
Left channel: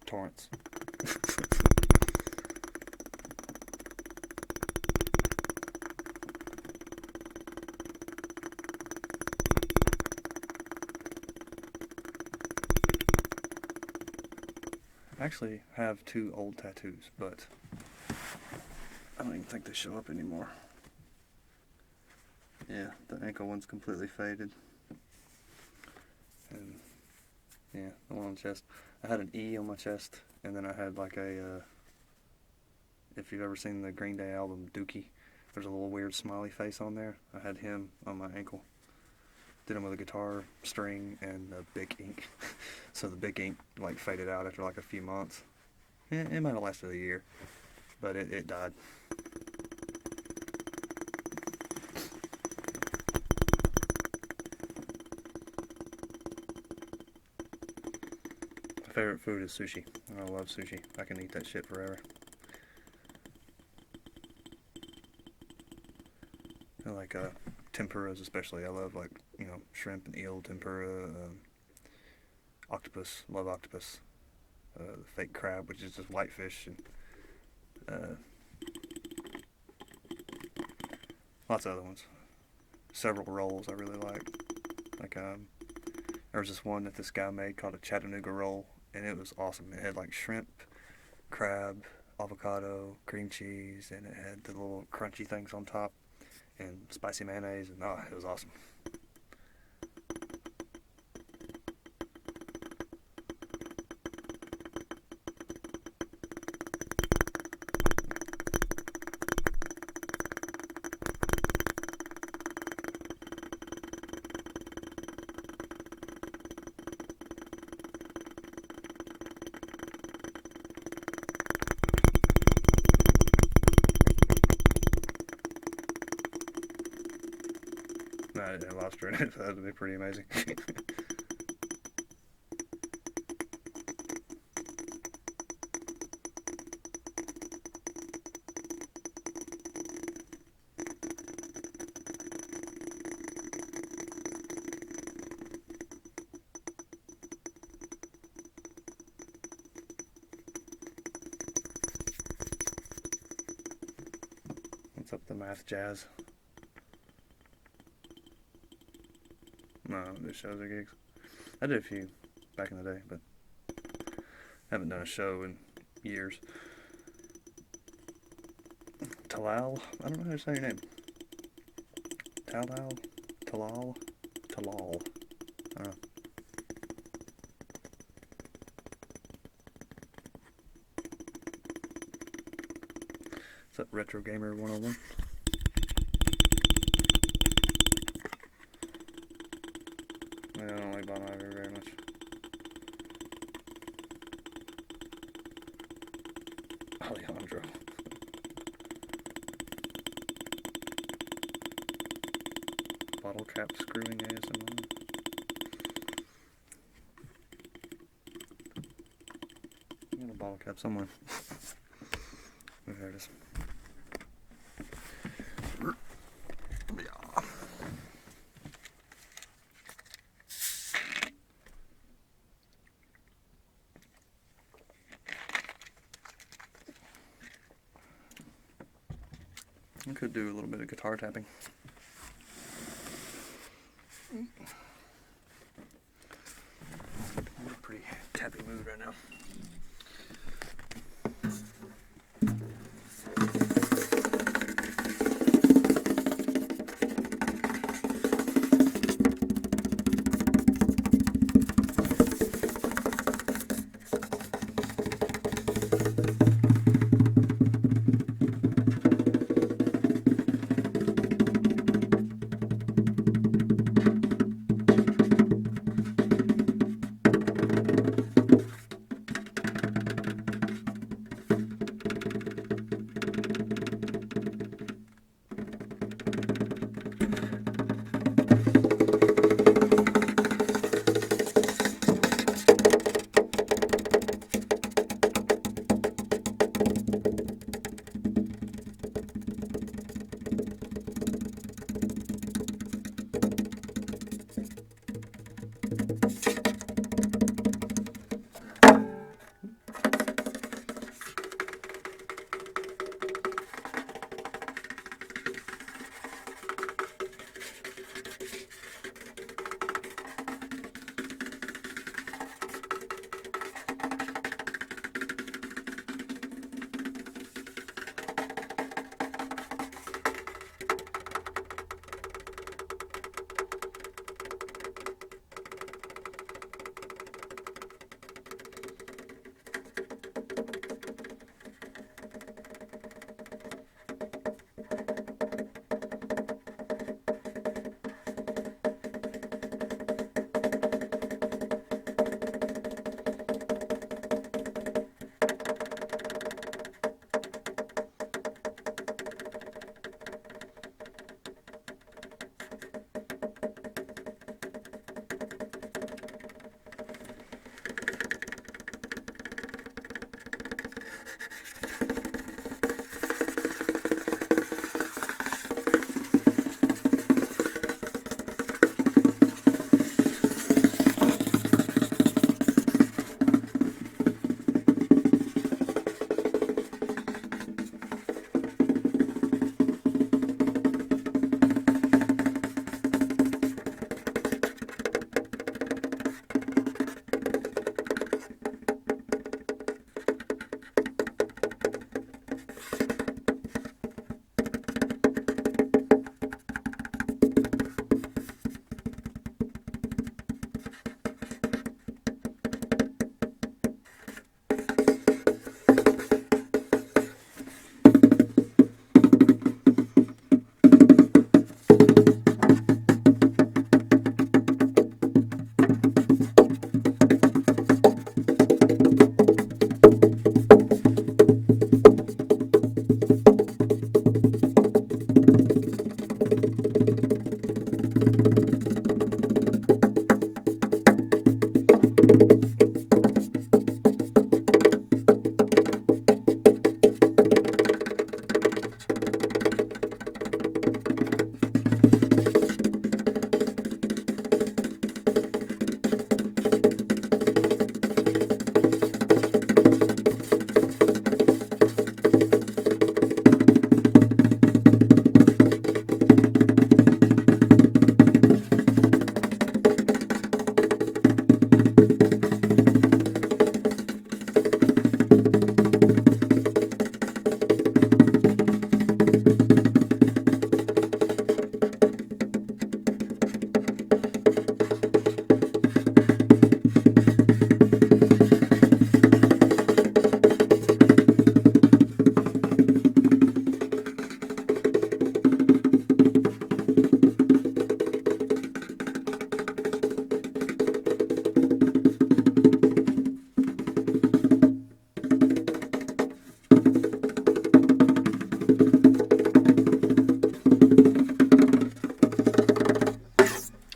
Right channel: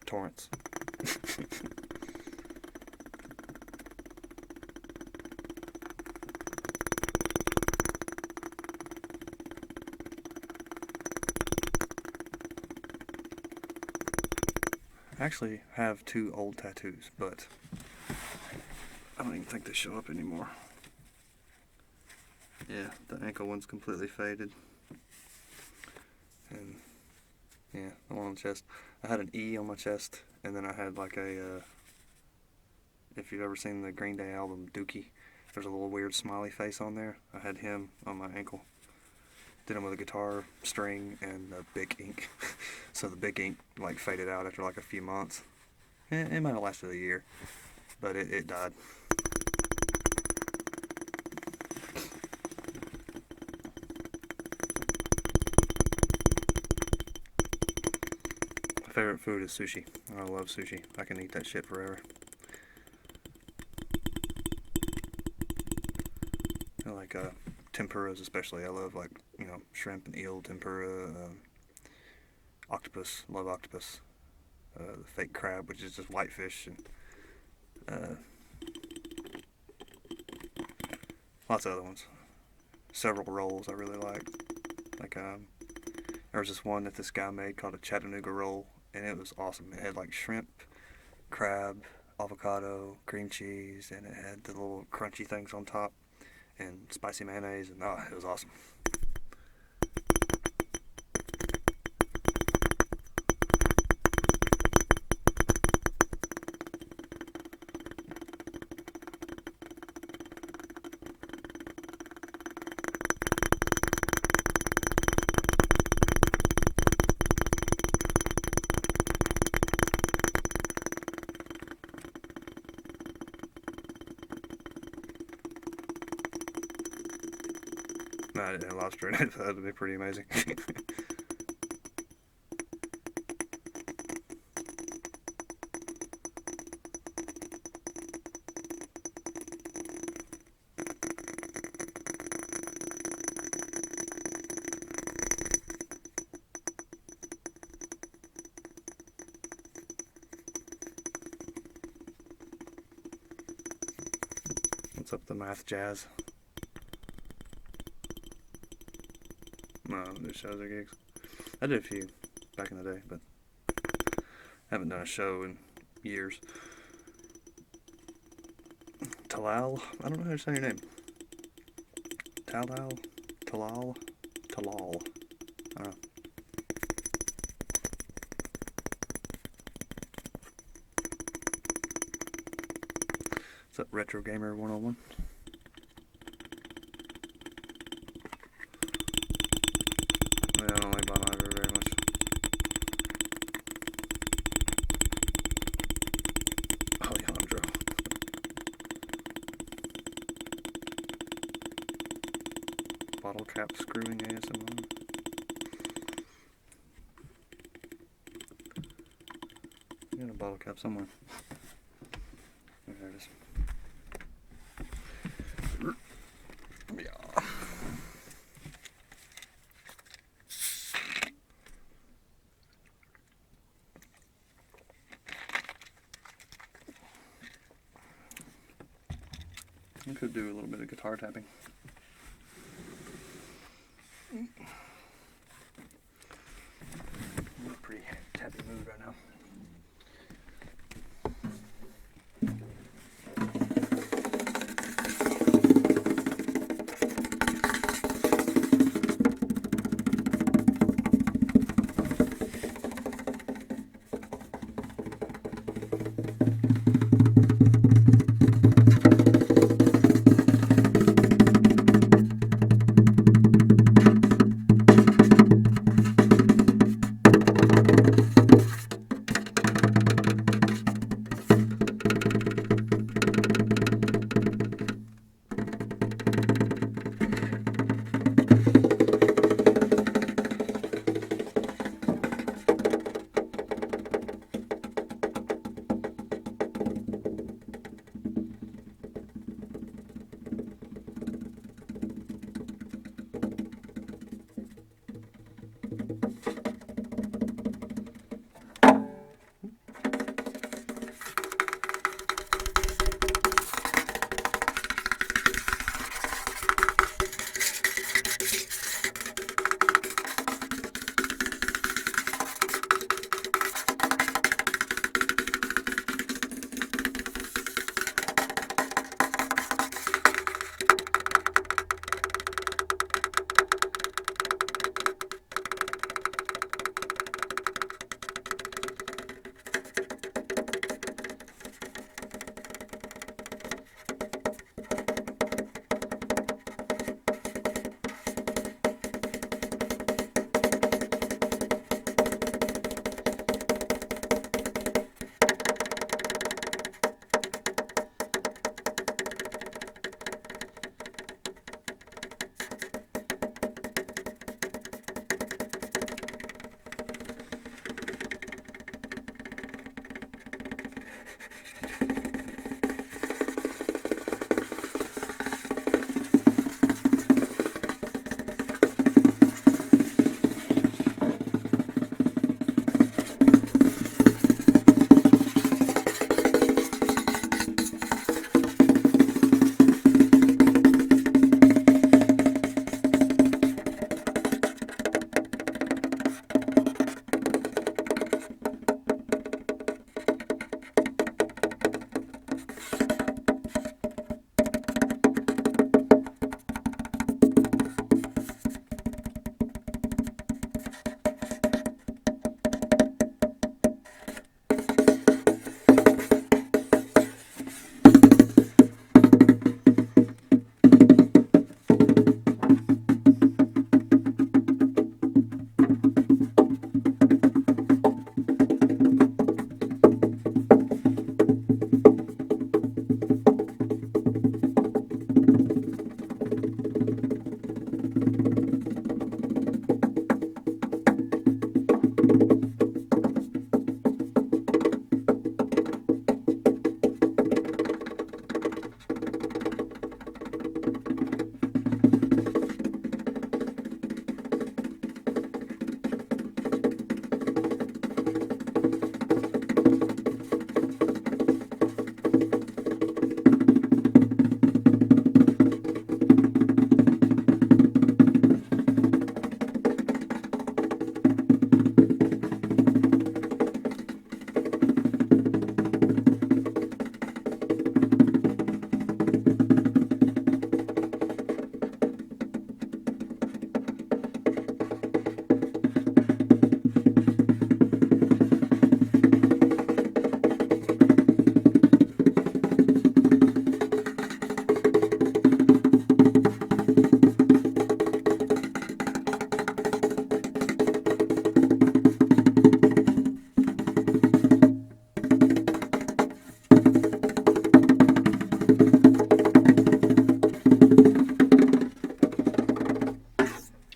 Torrance. I actually have 2 old tattoos, but I don't even think they show up anymore. Yeah, the ankle one's completely faded. And yeah, the one on the chest. I had an E on my chest, and then I had like a, if you've ever seen the Green Day album, Dookie, there's a little weird smiley face on there. I had him on my ankle. Did him with a guitar string and a Bic ink. So the Bic ink like faded out after like a few months. It might have lasted a year, but it died. My favorite food is sushi. I love sushi. I can eat that shit forever. like tempuras especially. I love like, you know, shrimp and eel tempura, octopus, love octopus, the fake crab, which is just whitefish, and lots of other ones. Several rolls I really liked. Like there was this one that this guy made called a Chattanooga roll, and it was awesome. It had like shrimp, crab, avocado, cream cheese, and it had the little crunchy things on top, and spicy mayonnaise, and it was awesome. No, I didn't have lobster in it, so that'd be pretty amazing. What's up, the math jazz? No, I don't do shows or gigs. I did a few back in the day, but haven't done a show in years. Talal? I don't know how to say your name. Talal? Talal? Talal. I don't know. What's up, Retro Gamer 101? I don't like Bon Iver very much. Alejandro. Bottle cap screwing ASMR. I got a bottle cap somewhere. There it is. Yeah. I could do a little bit of guitar tapping. I'm in a pretty tappy mood right now.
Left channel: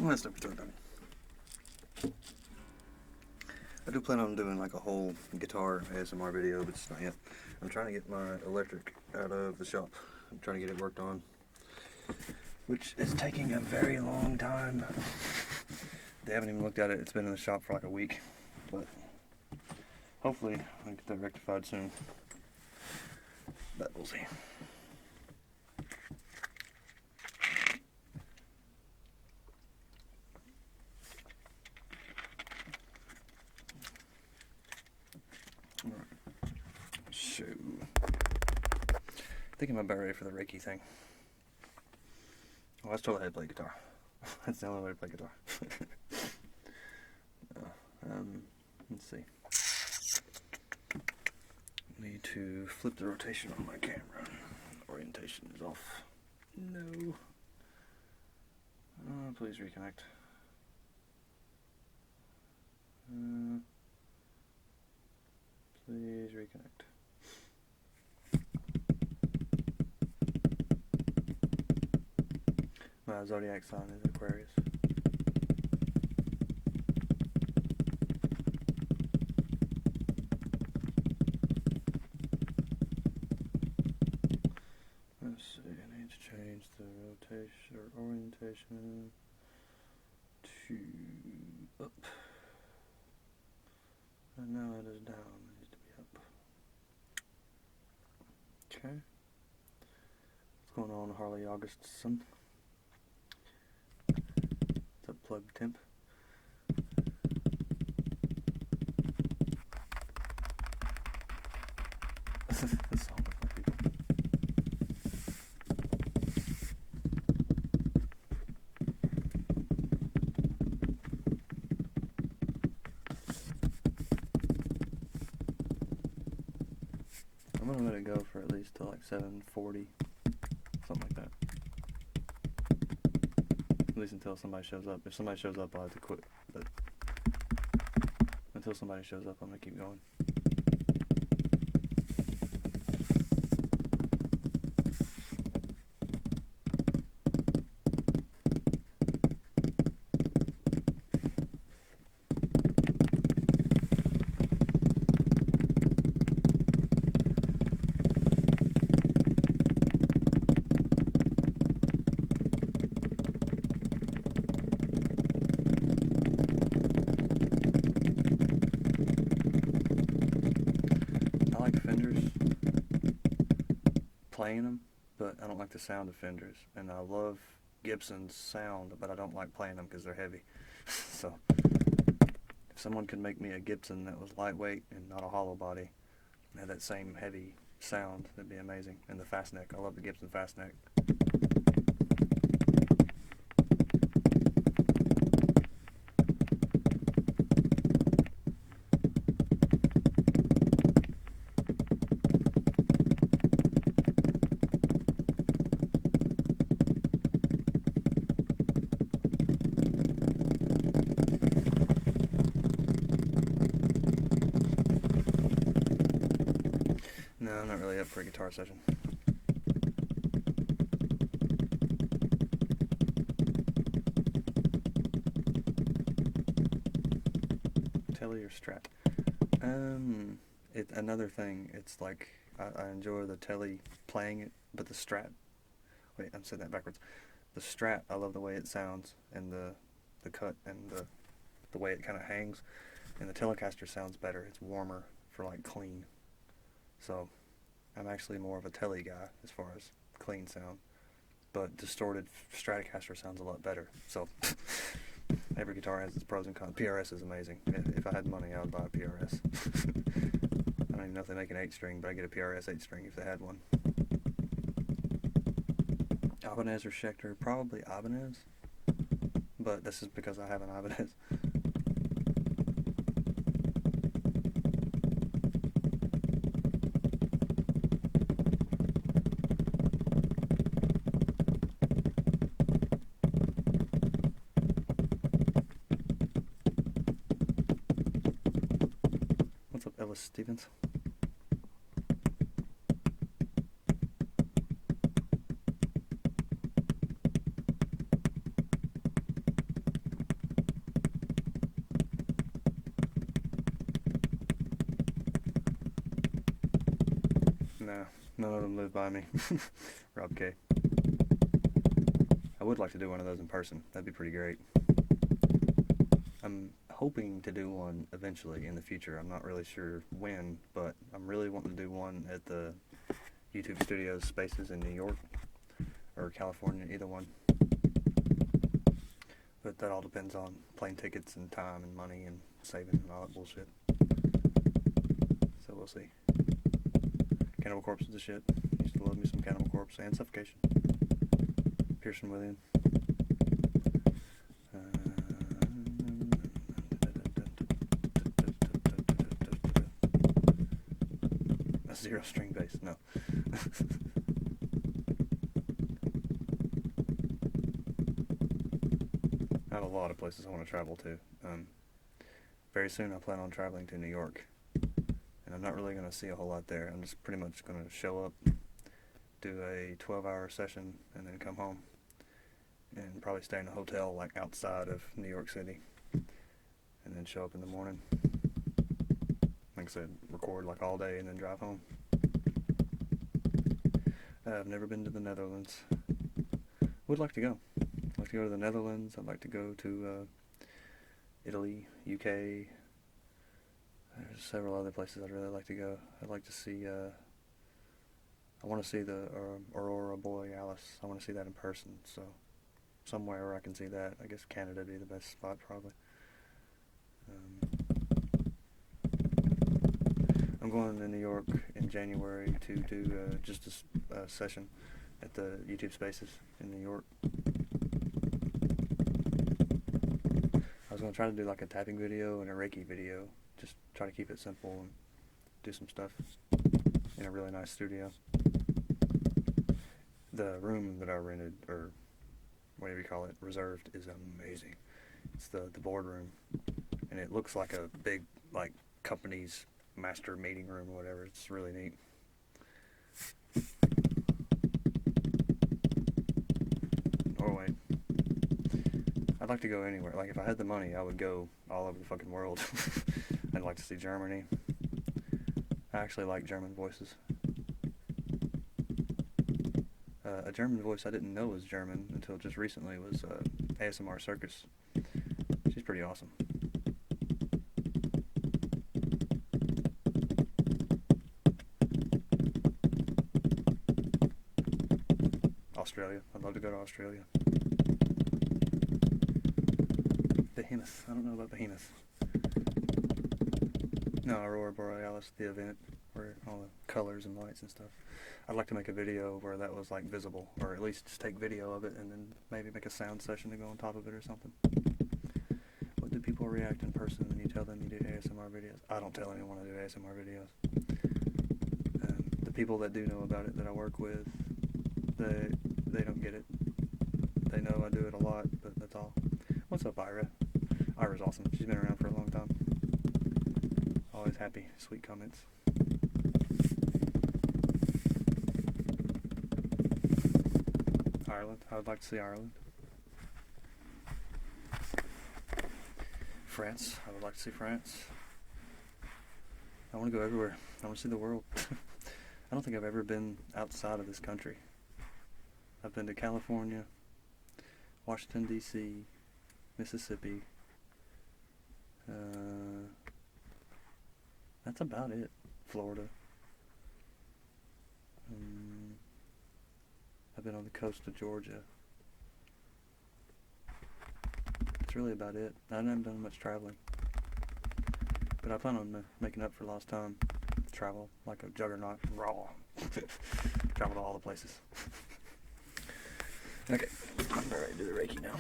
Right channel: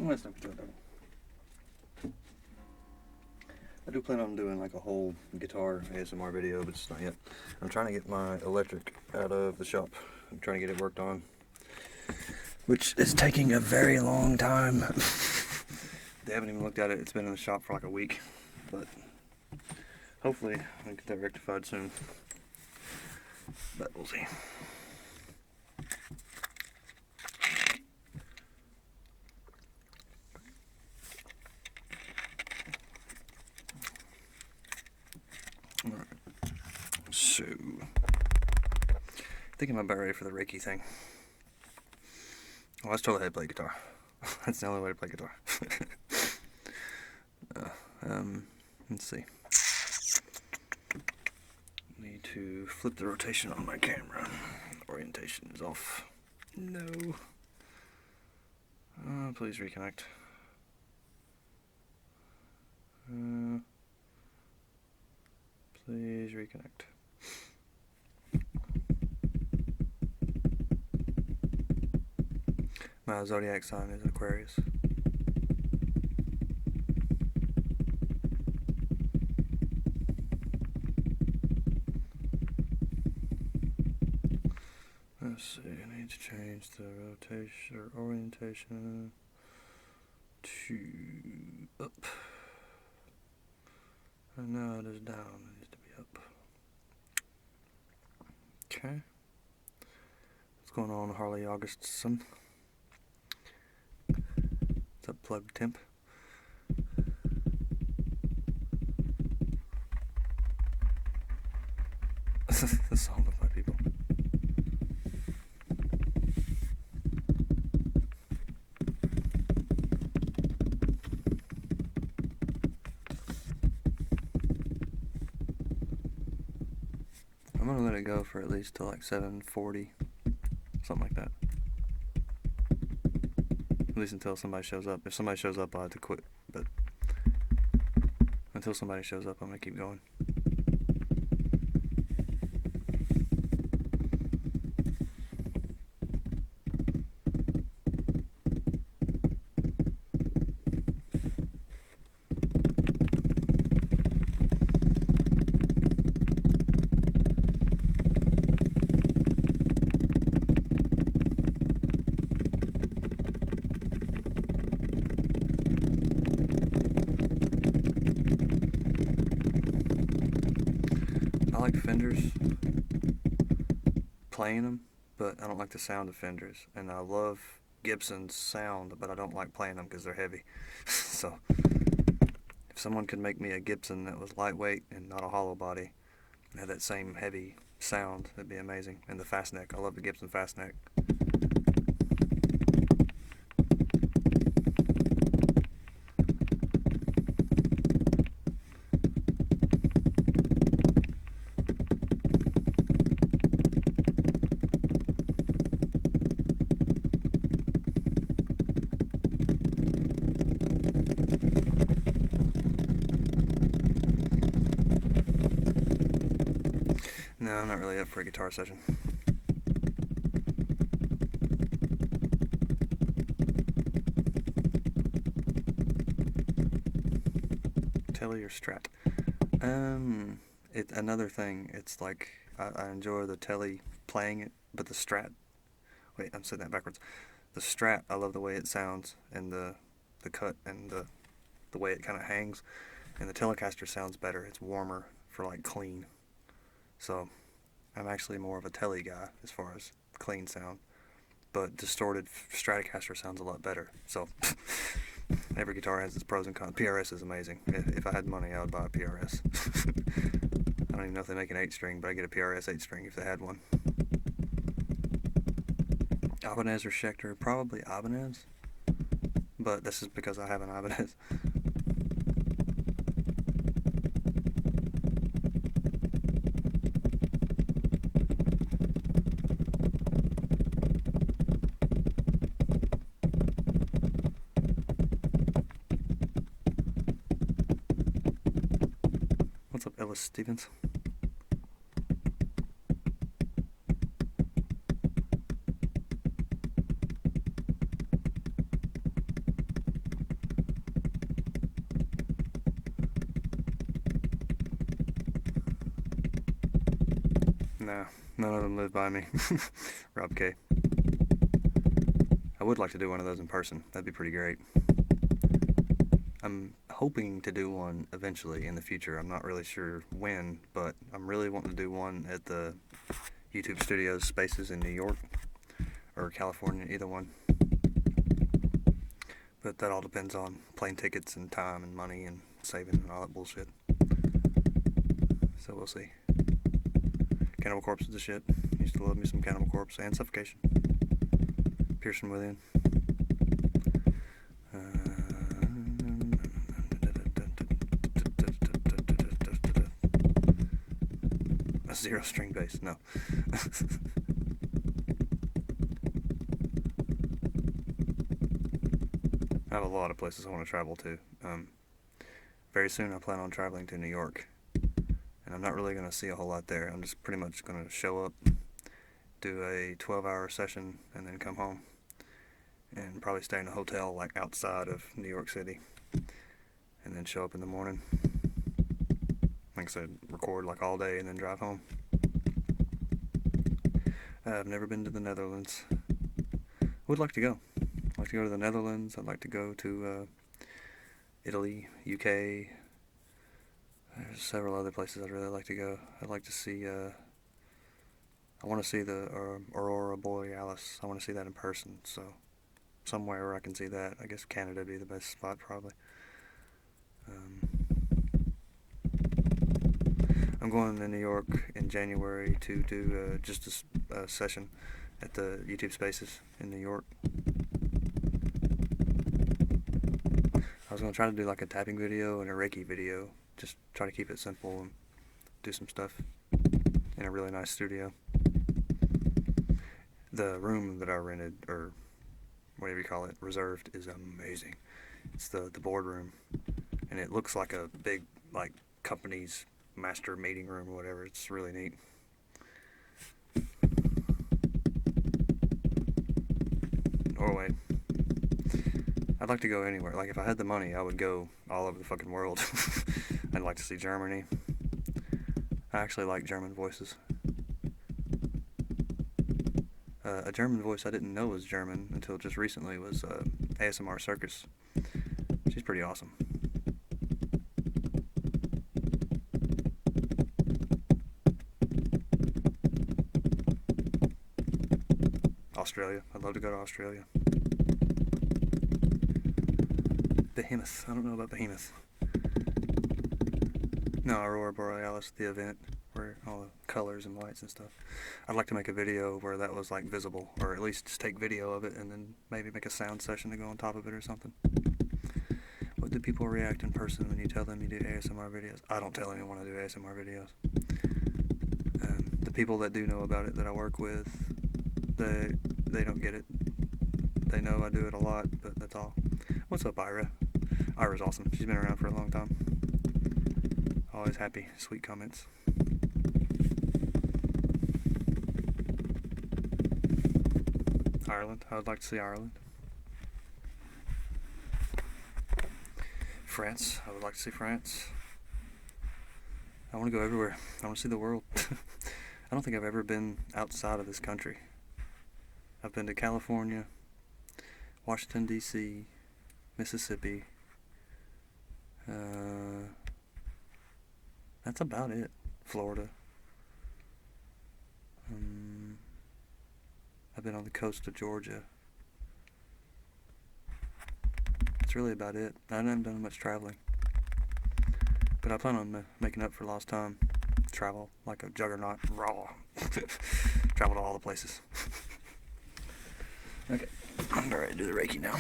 That's no guitar done. I do plan on doing like a whole guitar ASMR video, but it's not yet. I'm trying to get my electric out of the shop. I'm trying to get it worked on, which is taking a very long time. They haven't even looked at it. It's been in the shop for like a week, but hopefully I'll get that rectified soon. But we'll see. Alright. So, I think I'm about ready for the Reiki thing. Well, that's totally how to play guitar. That's the only way to play guitar. Let's see. Need to flip the rotation on my camera. Orientation is off. No. Please reconnect. Please reconnect. My zodiac sign is Aquarius. Let's see, I need to change the rotation or orientation to up. And now it is down, it needs to be up. Okay. What's going on, Harley Augustson? What's up, Plug Temp? The song with my people. I'm gonna let it go for at least till like 7:40, something like that. At least until somebody shows up. If somebody shows up, I'll have to quit. But until somebody shows up, I'm gonna keep going. I like Fenders, playing them, but I don't like the sound of Fenders. And I love Gibson's sound, but I don't like playing them because they're heavy. So, if someone could make me a Gibson that was lightweight and not a hollow body, and had that same heavy sound, that'd be amazing. And the fast neck, I love the Gibson fast neck. No, I'm not really up for a guitar session. Telly or Strat? Another thing, it's like, I enjoy the Telly playing it, but the Strat, wait, I'm saying that backwards. The Strat, I love the way it sounds, and the cut, and the way it kind of hangs, and the Telecaster sounds better. It's warmer for like clean. So, I'm actually more of a Telly guy as far as clean sound, but distorted Stratocaster sounds a lot better. So, every guitar has its pros and cons. PRS is amazing. If I had money, I would buy a PRS. I don't even know if they make an 8-string, but I get a PRS 8-string if they had one. Ibanez or Schecter? Probably Ibanez, but this is because I have an Ibanez. What's up, Ellis Stevens? Nah, none of them live by me. Rob K. I would like to do one of those in person. That'd be pretty great. I'm hoping to do one eventually in the future. I'm not really sure when, but I'm really wanting to do one at the YouTube Studios spaces in New York or California, either one. But that all depends on plane tickets and time and money and saving and all that bullshit. So we'll see. Cannibal Corpse is the shit. Used to love me some Cannibal Corpse and Suffocation. Piercing Within. A zero string bass, no. I have a lot of places I want to travel to. Very soon I plan on traveling to New York. And I'm not really going to see a whole lot there. I'm just pretty much going to show up, do a 12-hour session, and then come home. And probably stay in a hotel like outside of New York City. And then show up in the morning. Like I said, record like all day and then drive home. I've never been to the Netherlands. Would like to go. I'd like to go to the Netherlands. I'd like to go to Italy, UK. There's several other places I'd really like to go. I'd like to see, I want to see the Aurora Borealis. I want to see that in person, so somewhere where I can see that. I guess Canada would be the best spot, probably. I'm going to New York in January to do just a session at the YouTube Spaces in New York. I was going to try to do like a tapping video and a Reiki video. Just try to keep it simple and do some stuff in a really nice studio. The room that I rented, or whatever you call it, reserved, is amazing. It's the boardroom, and it looks like a big like company's master meeting room or whatever. It's really neat. Norway. I'd like to go anywhere. Like if I had the money, I would go all over the fucking world. I'd like to see Germany. I actually like German voices. A German voice I didn't know was German until just recently was ASMR Circus. She's pretty awesome. Australia. I'd love to go to Australia. Behemoth. I don't know about Behemoth. No, Aurora Borealis, the event where all the colors and lights and stuff. I'd like to make a video where that was like visible, or at least just take video of it and then maybe make a sound session to go on top of it or something. What do people react in person when you tell them you do ASMR videos? I don't tell anyone I do ASMR videos. The people that do know about it that I work with, they don't get it. They know I do it a lot, but that's all. What's up, Ira? Ira's awesome. She's been around for a long time. Always happy, sweet comments. Ireland. I would like to see Ireland. France. I would like to see France. I want to go everywhere. I want to see the world. I don't think I've ever been outside of this country. I've been to California, Washington, D.C., Mississippi. That's about it. Florida. I've been on the coast of Georgia. That's really about it. I haven't done much traveling. But I plan on making up for lost time. Travel like a juggernaut. Raw. Travel to all the places. Okay. I'm ready to do the Reiki now.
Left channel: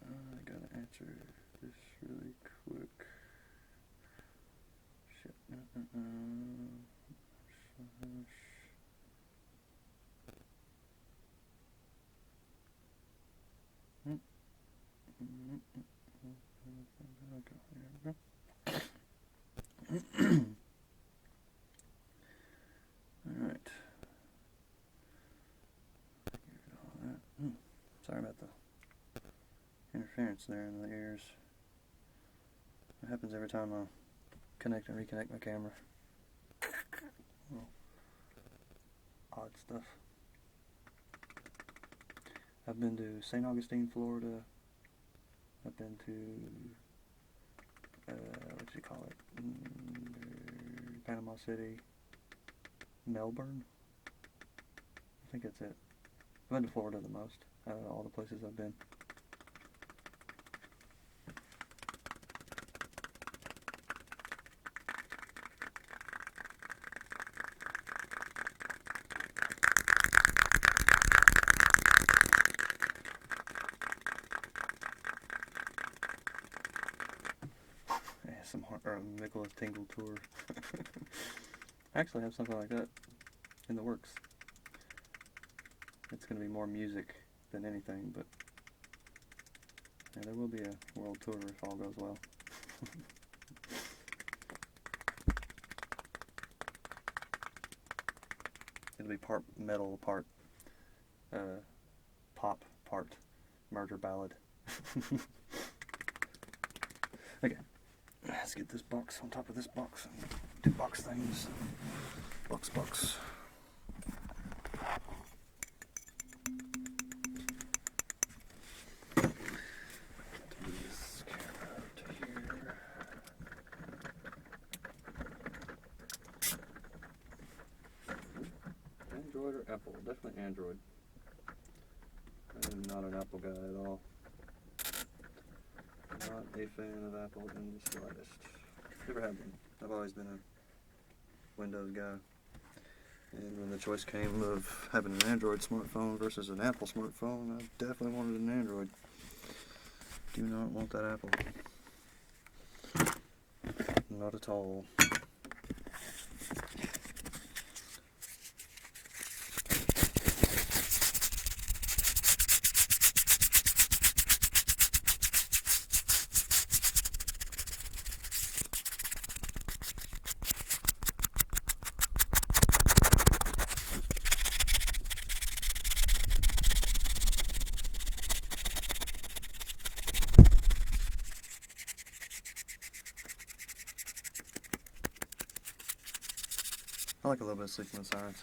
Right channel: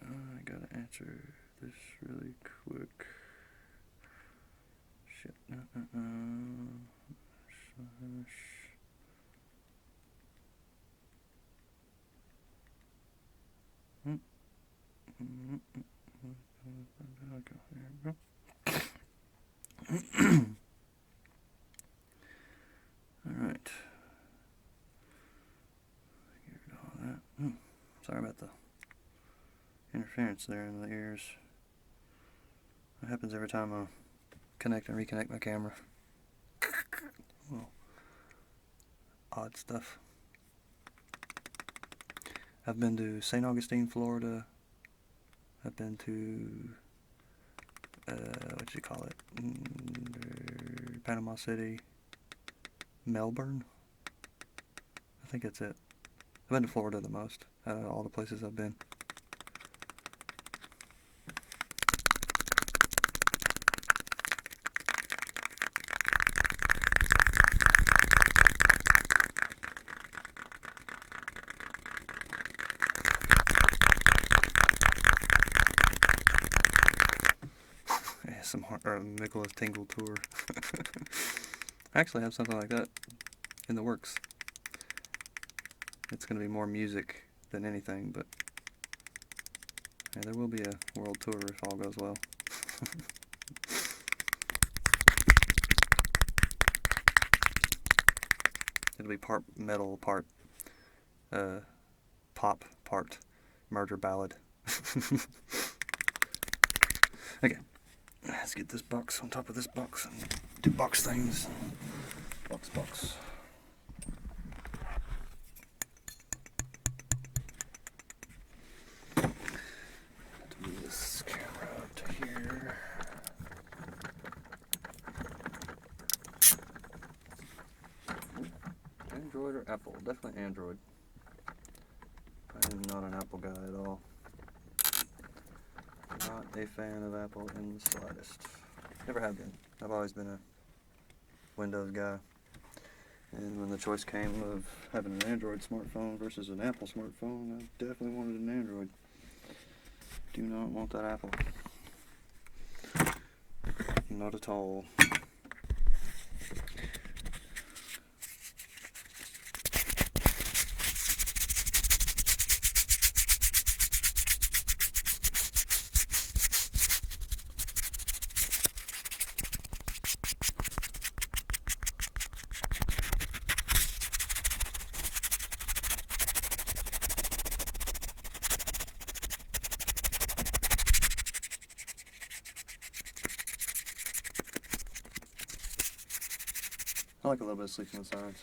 I gotta answer this really quick. Shit. Alright. Sorry about the interference there in the ears. It happens every time I connect and reconnect my camera. Well, odd stuff. I've been to St. Augustine, Florida. I've been to, what you call it? Panama City. Melbourne? I think that's it. I've been to Florida the most out of all the places I've been. Nicholas Tingle tour. I actually have something like that in the works. It's going to be more music than anything, but yeah, there will be a world tour if all goes well. It'll be part metal, part pop, part murder ballad. Okay. Let's get this box on top of this box and do box things. Box. Move this camera up to here. Android or Apple? Definitely Android. I'm not an Apple guy at all. Not a fan of Apple in the slightest. Never have been. I've always been a Windows guy. And when the choice came of having an Android smartphone versus an Apple smartphone, I definitely wanted an Android. Do not want that Apple. Not at all. I like a little bit of sleeping in silence.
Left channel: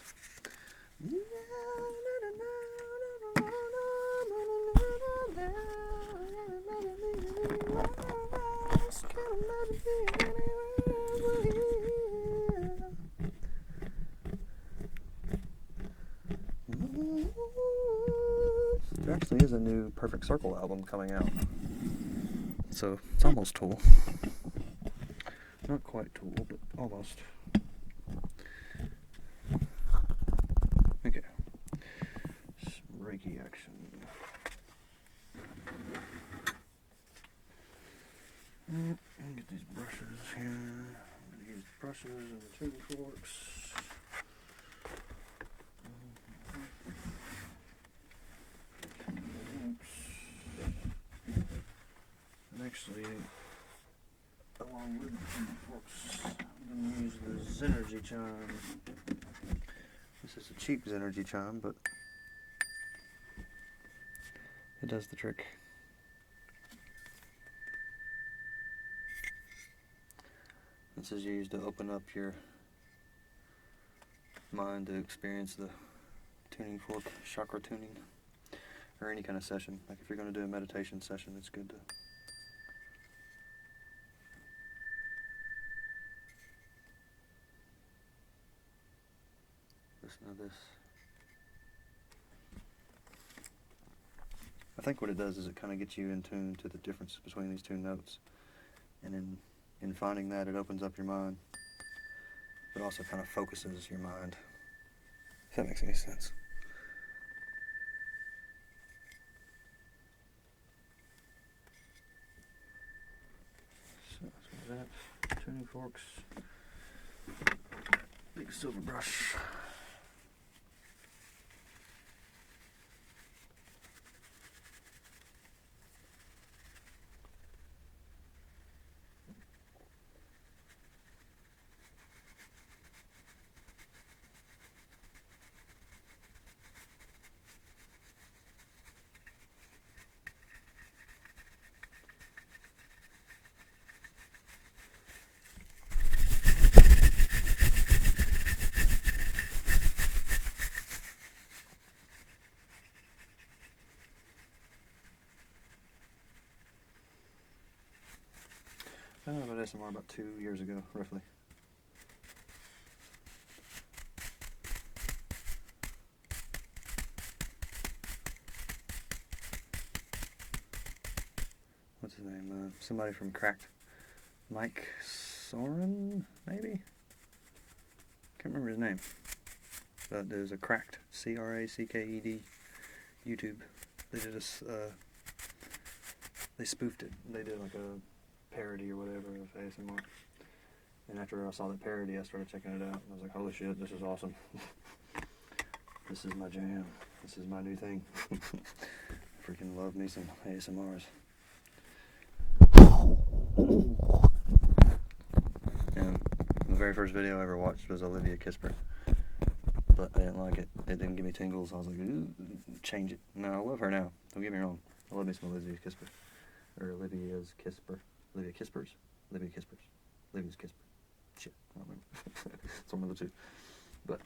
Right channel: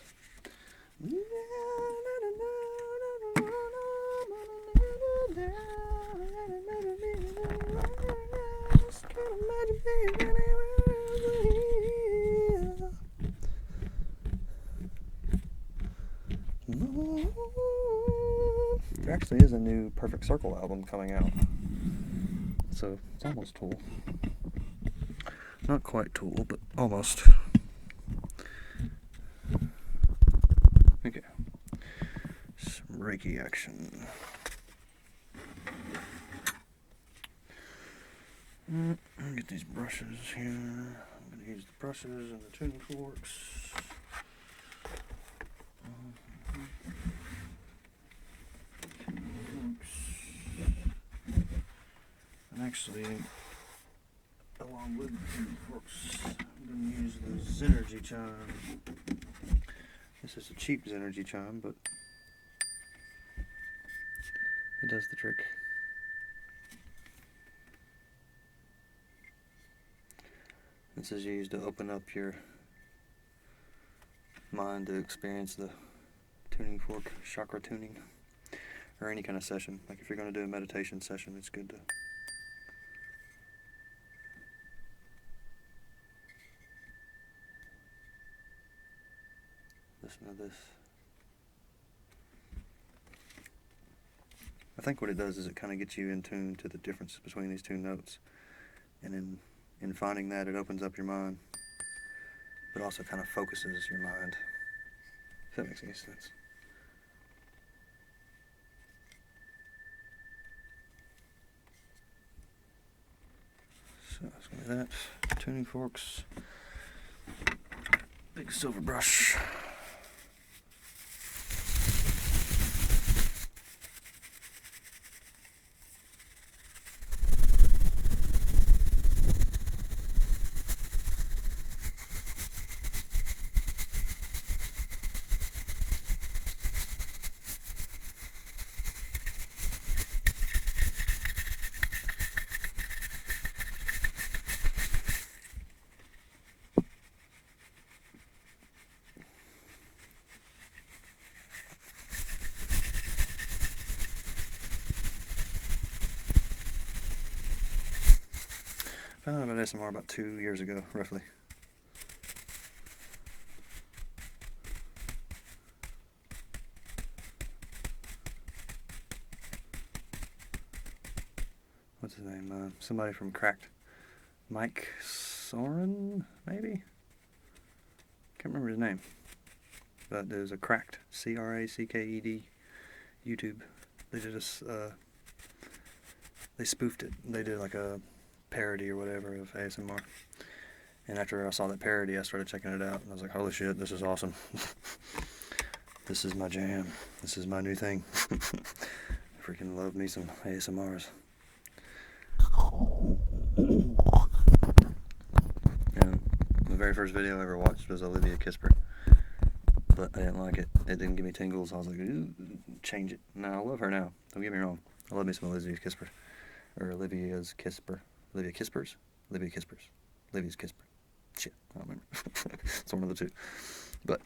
There actually is a new Perfect Circle album coming out. So it's almost Tool. Not quite Tool, but almost. Okay. Some Reiki action. Get these brushes here. I'm going to use the brushes and the tuning forks. And actually, along with the tuning forks, I'm going to use the Zenergy chime. This is a cheap Zenergy chime, but it does the trick. This is used to open up your mind to experience the tuning fork, chakra tuning, or any kind of session. Like if you're going to do a meditation session, it's good to listen to this. I think what it does is it kind of gets you in tune to the difference between these two notes, and in finding that, it opens up your mind, but also kind of focuses your mind, if that makes any sense. So let's get that. Tuning forks, big silver brush. Found out about ASMR about 2 years ago, roughly. What's his name? Somebody from Cracked. Mike Soren, maybe? Can't remember his name. But there's a Cracked, C-R-A-C-K-E-D, YouTube. They did they spoofed it. They did like a parody or whatever of ASMR. And after I saw that parody, I started checking it out. And I was like, holy shit, this is awesome. This is my jam. This is my new thing. Freaking love me some ASMRs. And the very first video I ever watched was Olivia Kisper. But I didn't like it. It didn't give me tingles. I was like, change it. No, I love her now. Don't get me wrong. I love me some Olivia Kisper. Or Olivia's Kisper. Olivia Kispers? Olivia Kispers. Olivia's Kisper. Shit, I don't remember. It's one of the two. But,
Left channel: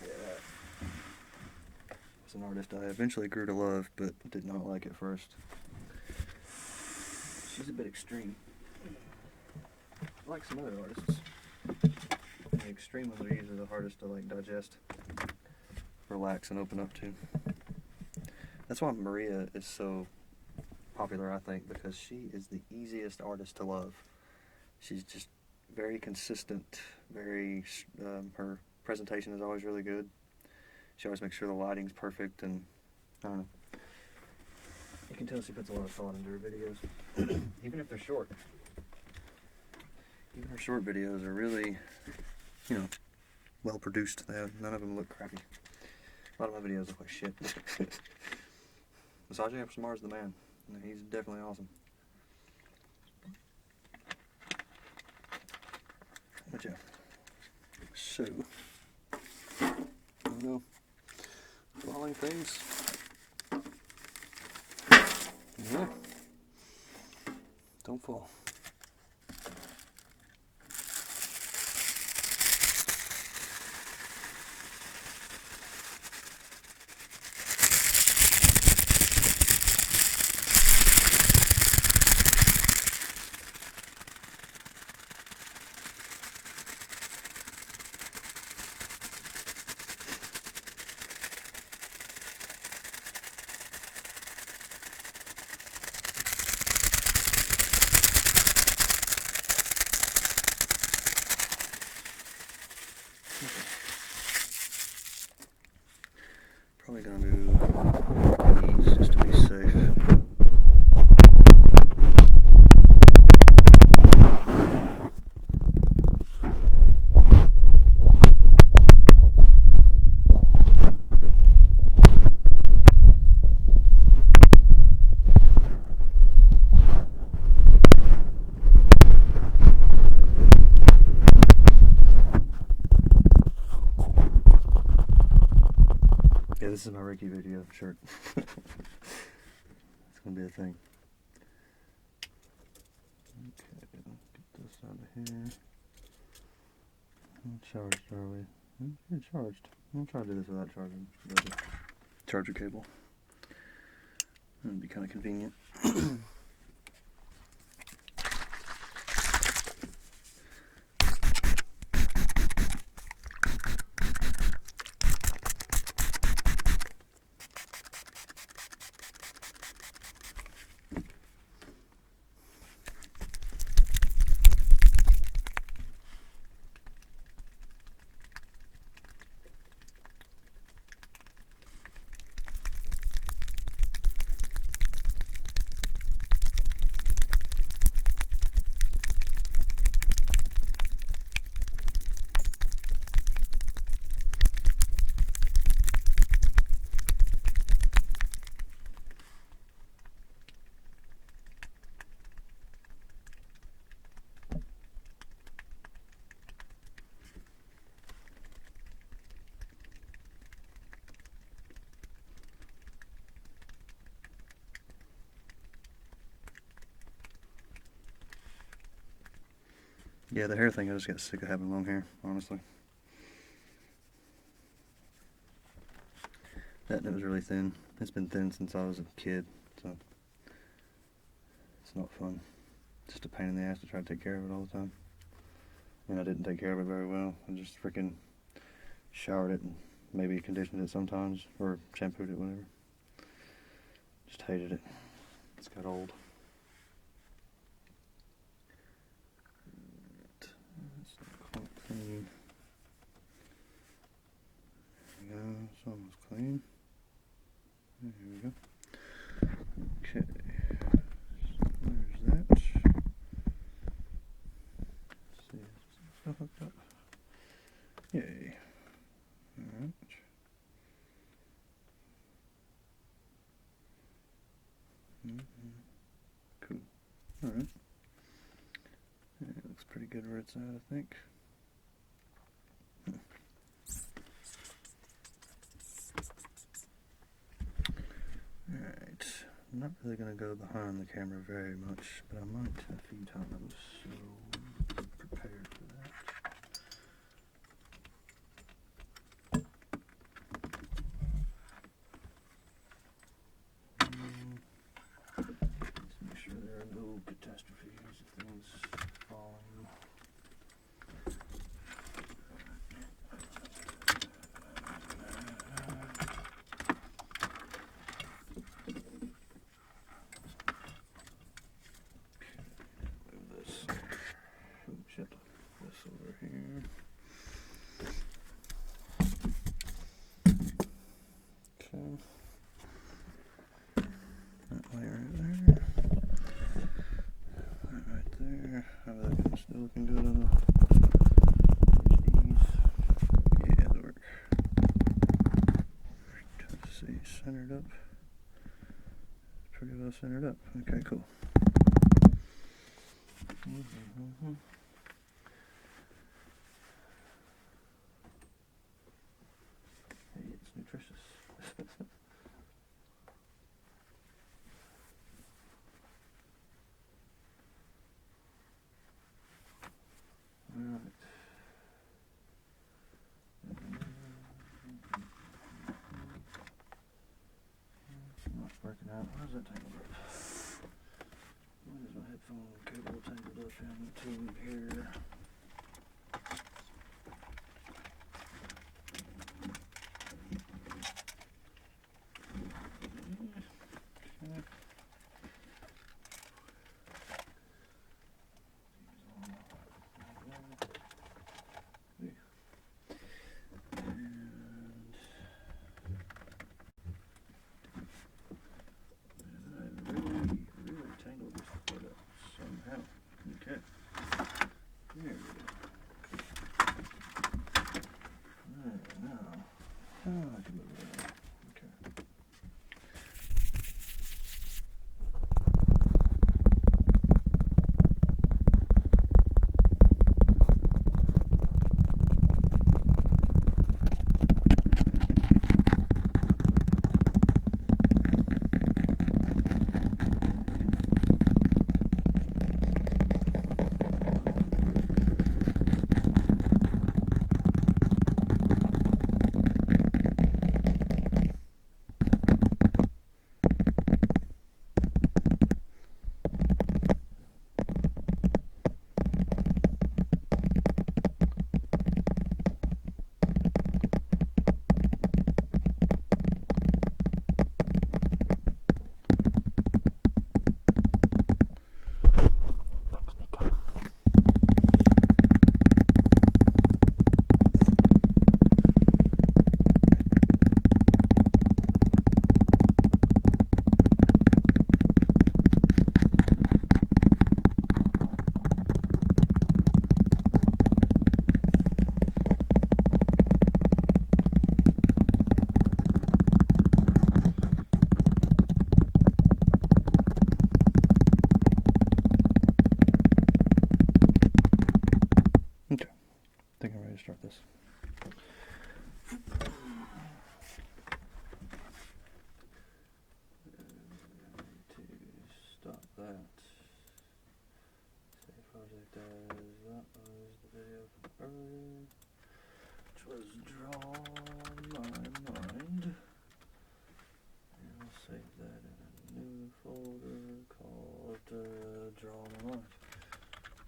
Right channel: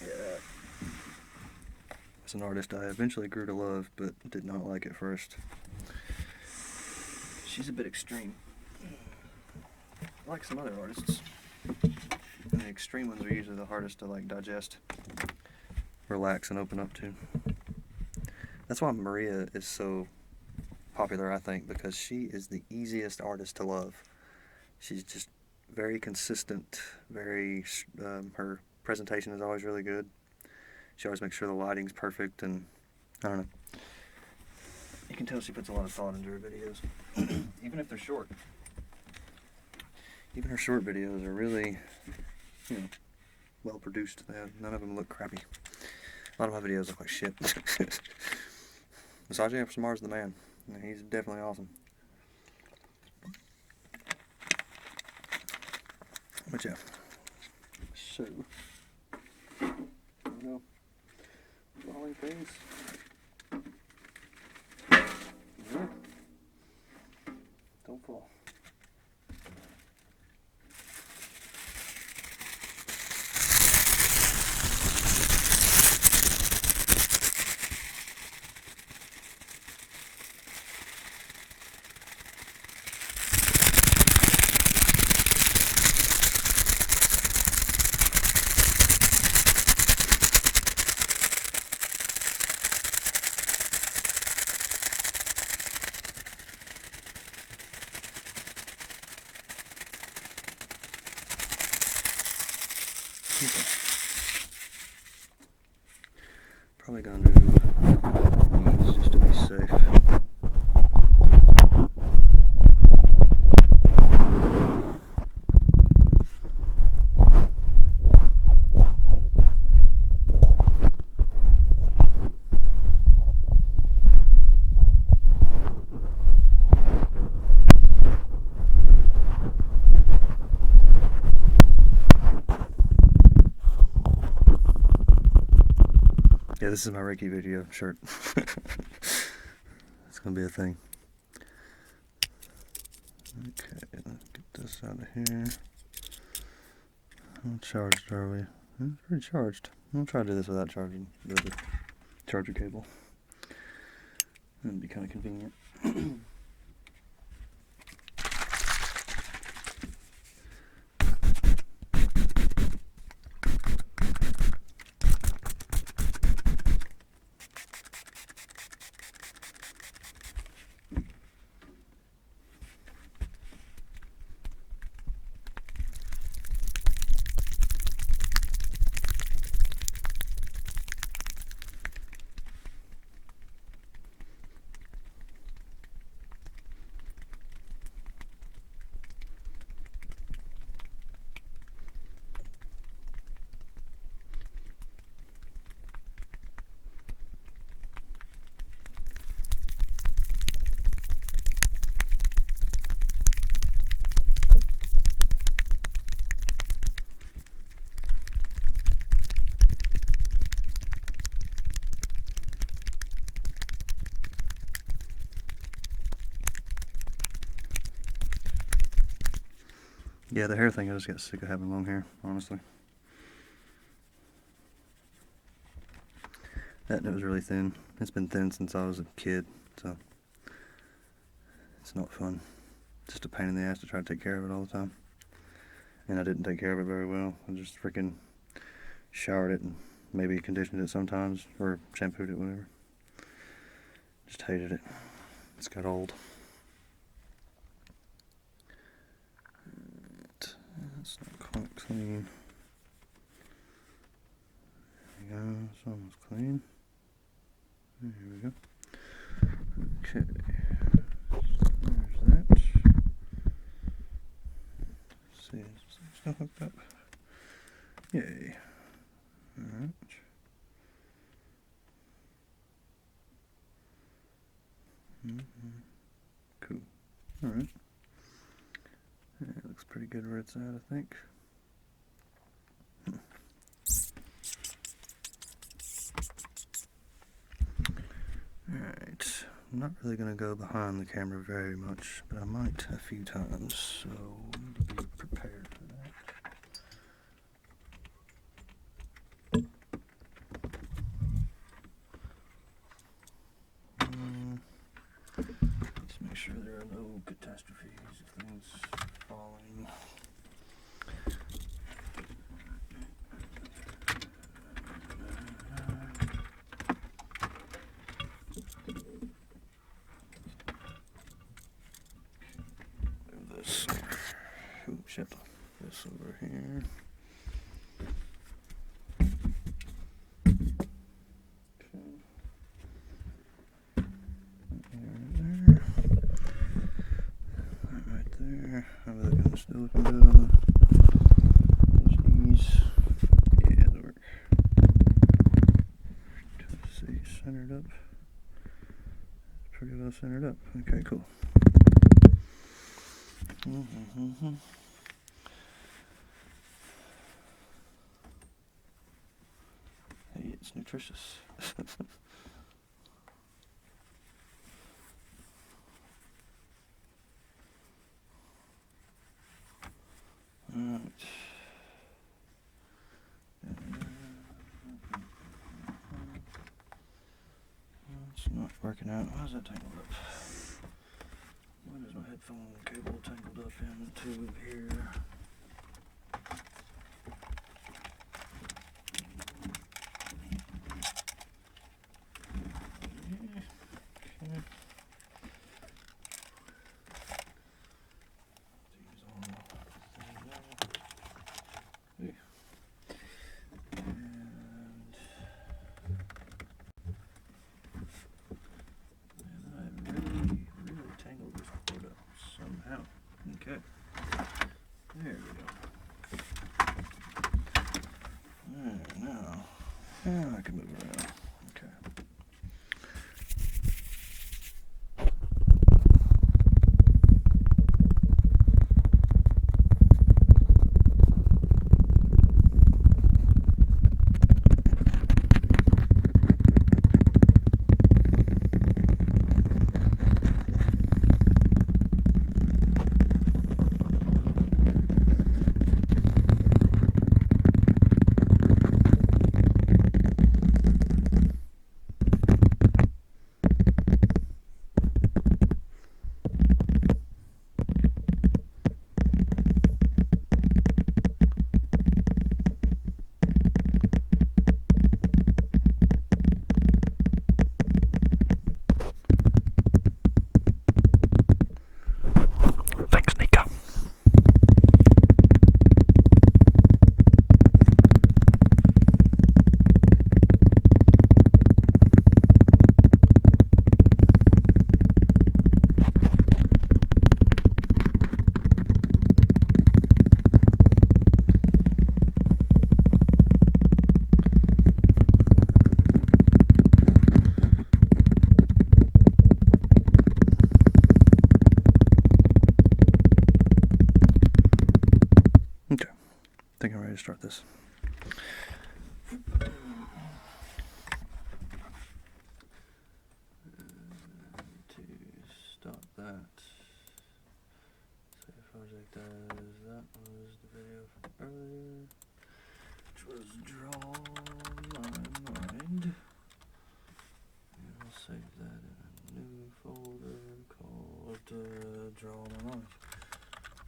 yeah. It's an artist I eventually grew to love, but did not like at first. She's a bit extreme. Like some other artists. And the extreme ones are usually the hardest to like digest, relax, and open up to. That's why Maria is so popular, I think, because she is the easiest artist to love. She's just very consistent, her presentation is always really good. She always makes sure the lighting's perfect, and I don't know. You can tell she puts a lot of thought into her videos, even if they're short. Even her short videos are really, well produced. None of them look crappy. A lot of my videos look like shit. Massage ASMR is the man. He's definitely awesome. But yeah. So, I don't know. Falling things. Yeah. Don't fall. Probably gonna do these just to be safe. Yeah, this is my Reiki video shirt. It's gonna be a thing. Okay, let's get this out of here. How charged are we? It's pretty charged. I'm gonna try to do this without charging the charger cable. That'd be kind of convenient. Yeah, the hair thing, I just got sick of having long hair, honestly. That was really thin. It's been thin since I was a kid, so It's not fun. It's just a pain in the ass to try to take care of it all the time. And I didn't take care of it very well. I just freaking showered it and maybe conditioned it sometimes, or shampooed it, whatever. Just hated it. It's got old. It's not quite clean. There we go. It's almost clean. There we go. Okay. There's that. Let's see, it's still hooked up. Yay. Alright. Cool. Alright. Yeah, it looks pretty good where it's at, I think. Alright. I'm not really going to go behind the camera very much, but I might a few times, so be prepared for that. Let's make sure there are no catastrophes of things falling. Move this. Oh shit. This over here. Okay. That layer in there. That right there. How are they looking? Still looking good on these? Yeah, that'll work. Let's see, centered up. It's pretty well centered up. Okay, cool. Hey, it's nutritious. Alright. It's not working out. Why is that tangled up? Why is my headphone cable tangled up in the tube here? There we go. There, now I can move around. Okay. Thanks, Nika. Okay, I think I'm ready to start this. To stop that, save project as that was the video from earlier, which was Draw My Mind. And I'll save that in a new folder called draw my mind.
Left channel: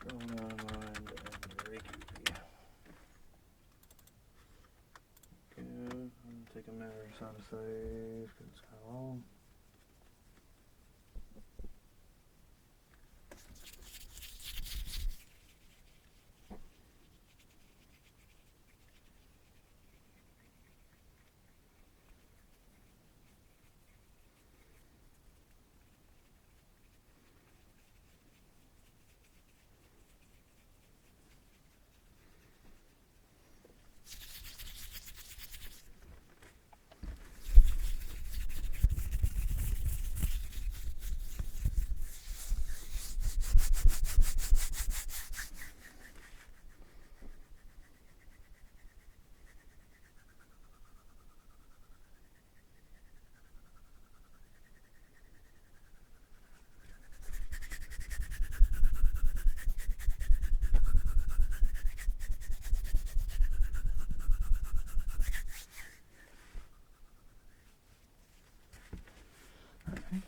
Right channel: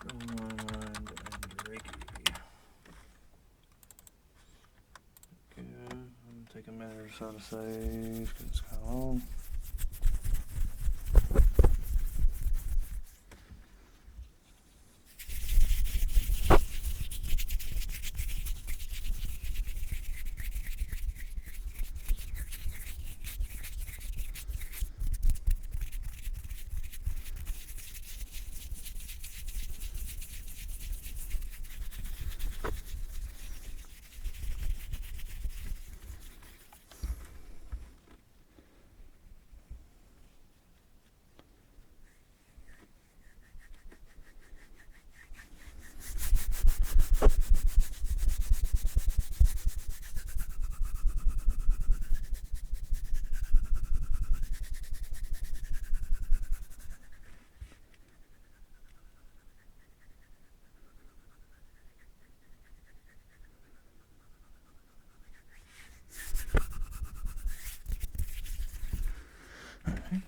Draw my mind and Reiki. Good. Take a minute or so to save because it's kind of long.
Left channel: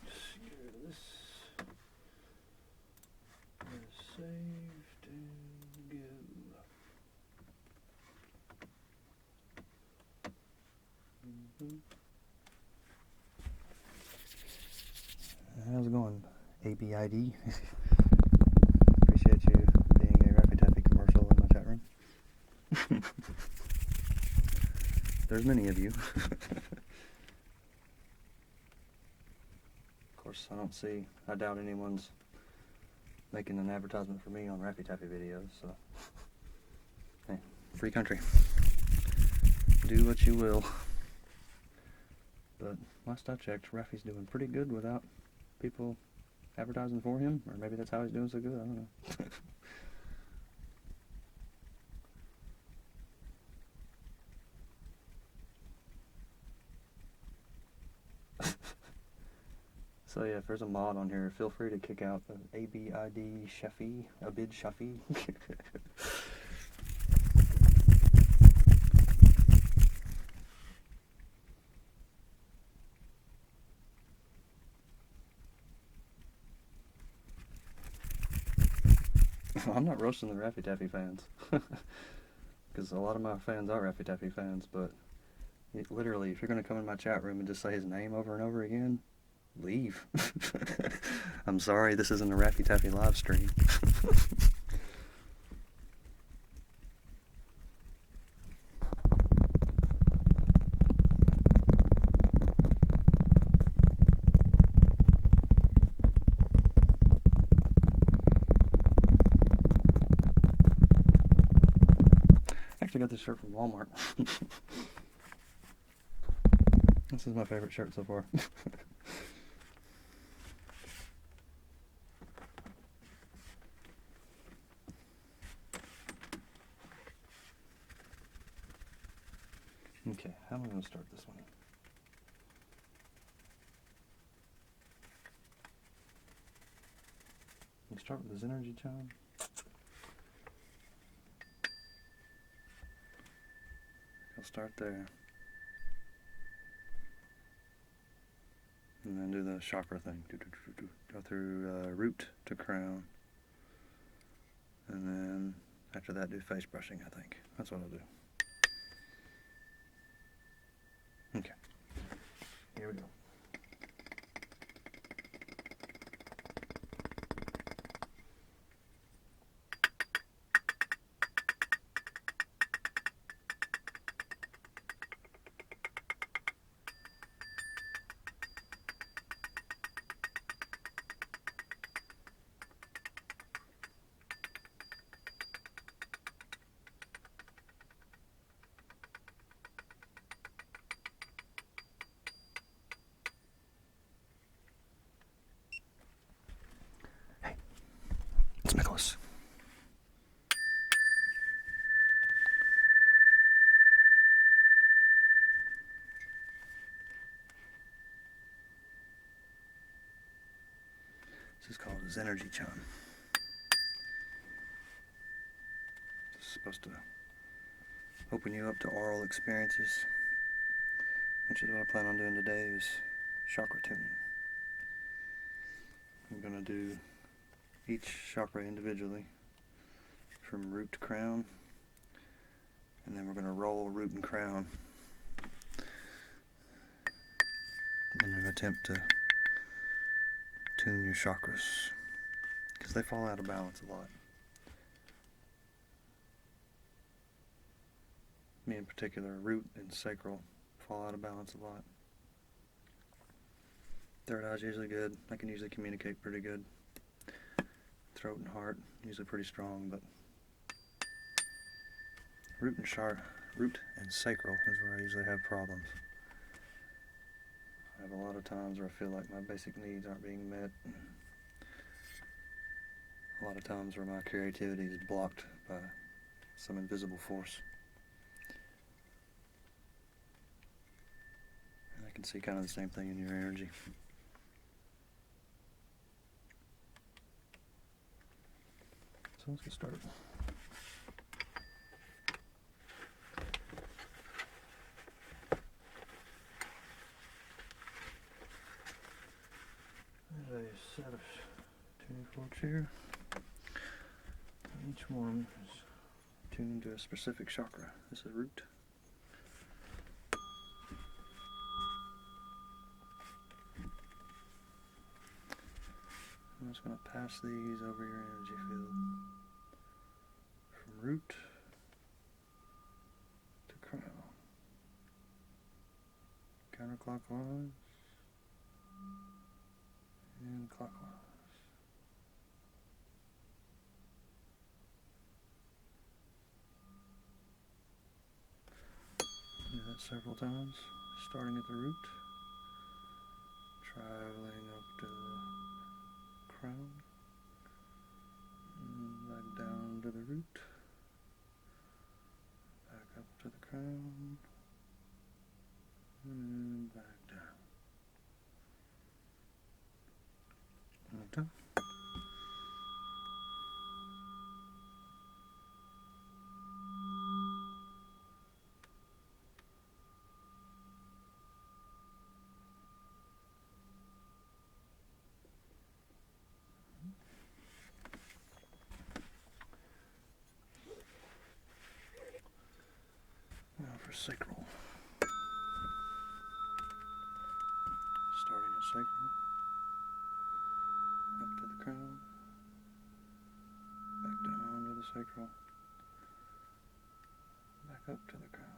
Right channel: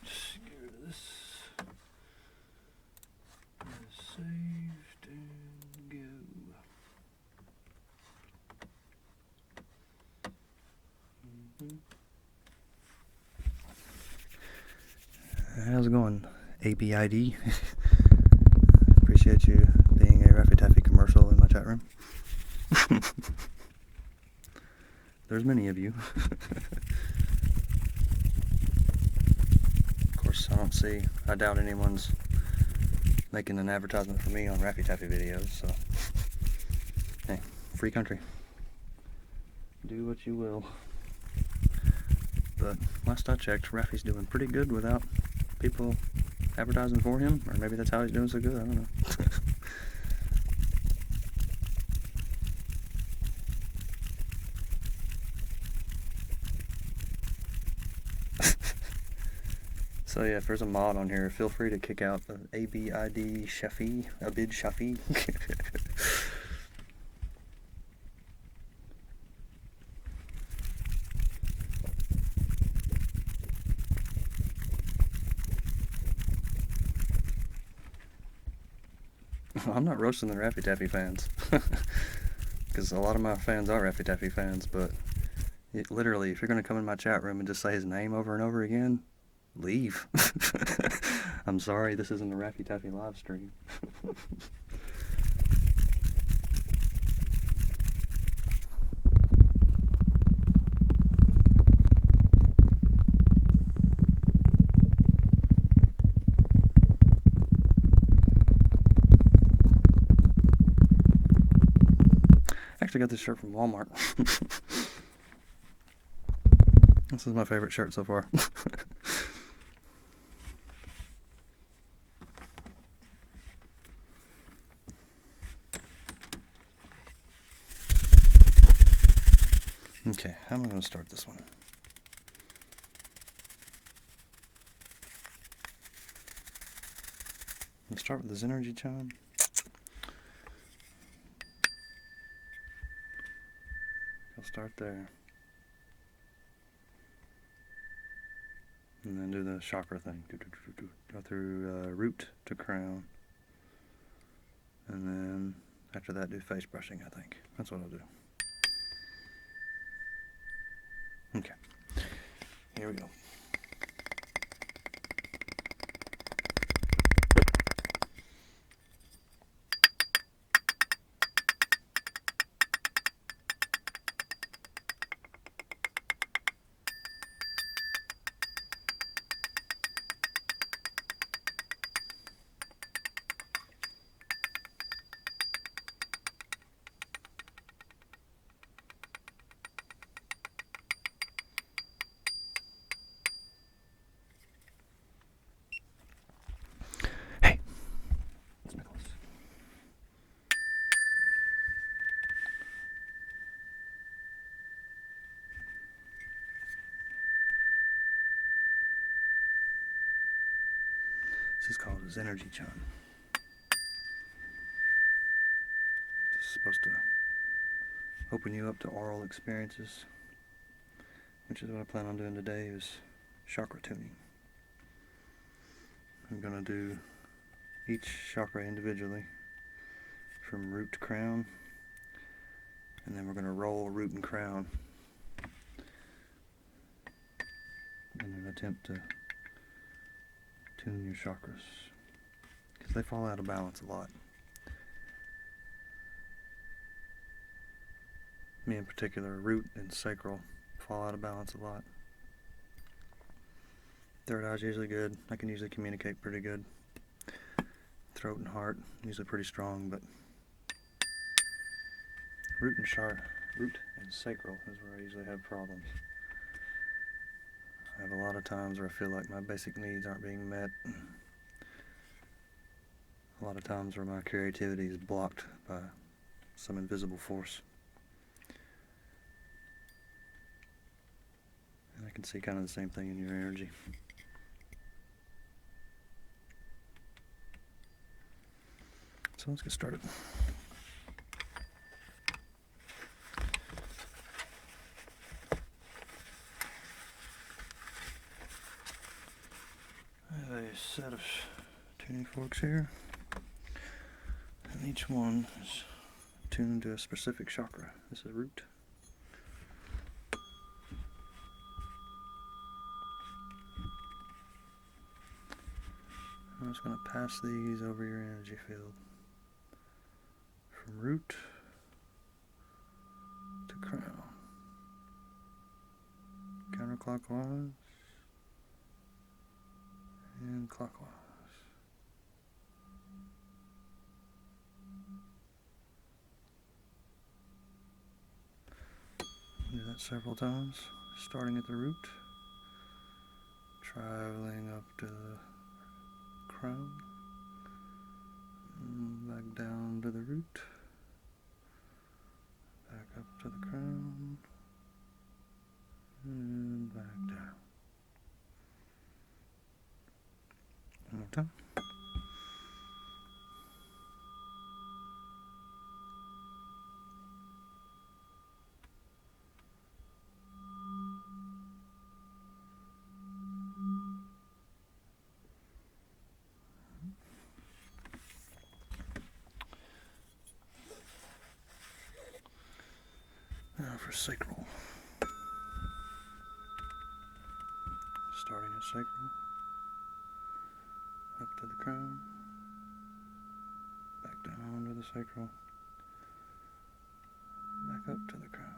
Just get rid of this. Saved and go. How's it going, ABID? Appreciate you being a Raffy Taffy commercial in my chat room. There's many of you. Of course, I doubt anyone's making an advertisement for me on Raffy Taffy videos, so hey, free country. Do what you will. But last I checked, Raffy's doing pretty good without people advertising for him, or maybe that's how he's doing so good, I don't know. So yeah, if there's a mod on here, feel free to kick out the ABID Shafi, Abid Shafi. I'm not roasting the Raffy Taffy fans, because a lot of my fans are Raffy Taffy fans, but literally, if you're going to come in my chat room and just say his name over and over again, leave. I'm sorry, this isn't a Raffy Taffy live stream. I actually got this shirt from Walmart. This is my favorite shirt so far. Okay, how am I going to start this one? Let's start with this energy chime. I'll start there. And then do the chakra thing. Go through root to crown. And then after that do face brushing, I think. That's what I'll do. Okay. Here we go. It's Nicholas. This is called his energy chime. It's supposed to open you up to oral experiences, which is what I plan on doing today, is chakra tuning. I'm going to do each chakra individually from root to crown, and then we're going to roll root and crown in an attempt to tune your chakras, because they fall out of balance a lot. Me in particular, root and sacral fall out of balance a lot. Third eye's usually good. I can usually communicate pretty good. Throat and heart usually pretty strong, but root and sacral is where I usually have problems. I have a lot of times where I feel like my basic needs aren't being met. A lot of times where my creativity is blocked by some invisible force. And I can see kind of the same thing in your energy. So let's get started. I have a set of tuning forks here, and each one is tuned to a specific chakra. This is root. I'm just going to pass these over your energy field from root to crown, counterclockwise and clockwise. Do that several times, starting at the root, traveling up to the crown, back down to the root, back up to the crown, and back down. One more time. Now for sacral. Starting at sacral, up to the crown, back down to the sacral, back up to the crown.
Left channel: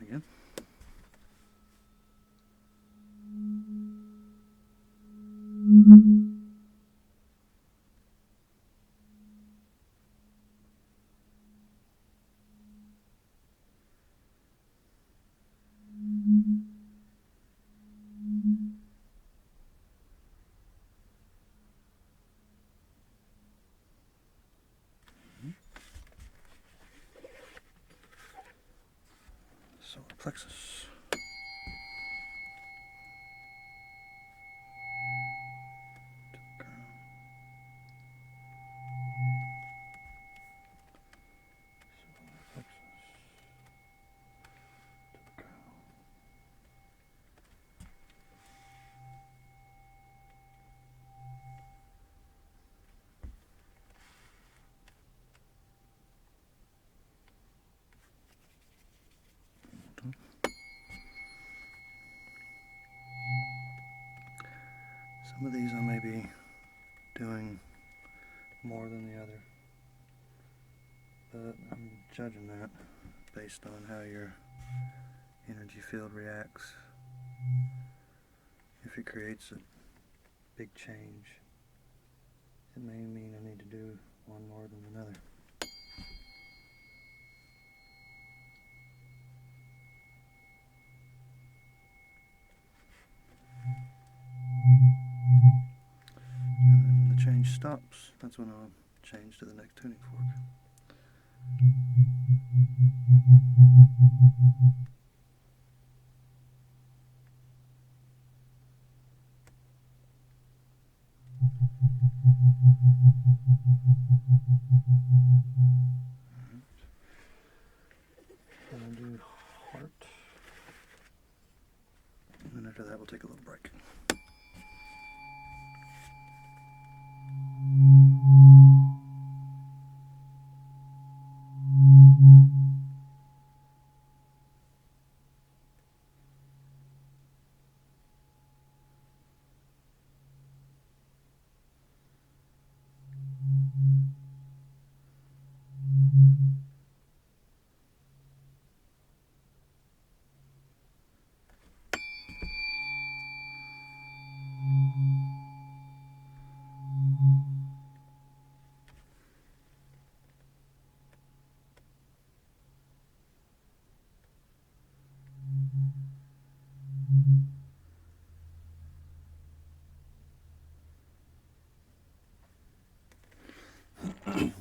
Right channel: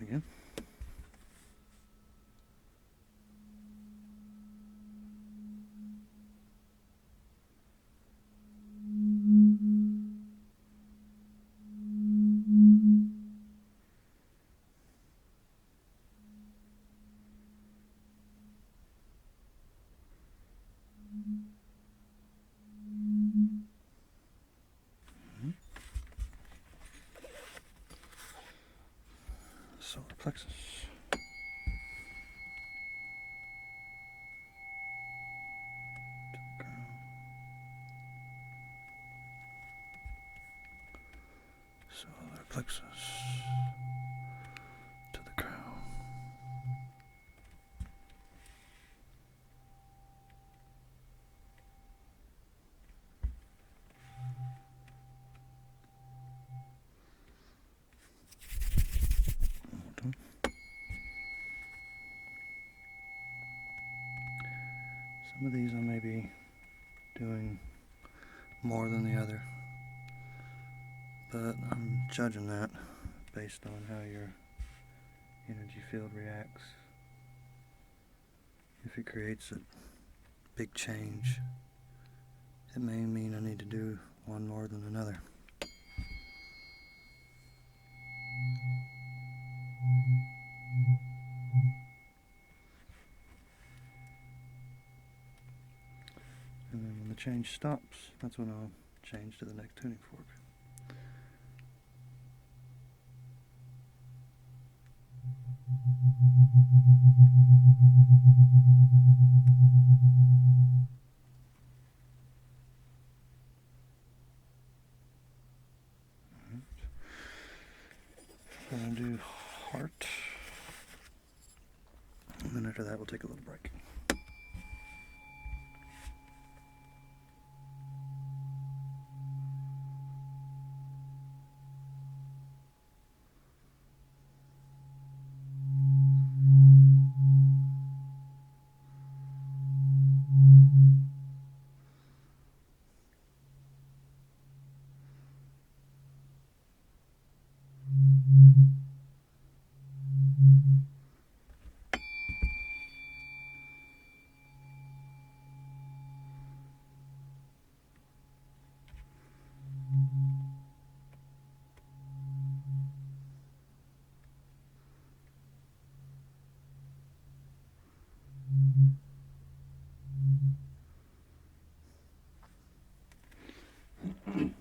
Again. Solar plexus. To the crown. Solar plexus. To the crown. Some of these I may be doing more than the other, but I'm judging that based on how your energy field reacts. If it creates a big change, it may mean I need to do one more than another. And then when the change stops, that's when I'll change to the next tuning fork. do heart. And then after that, we'll take a little break.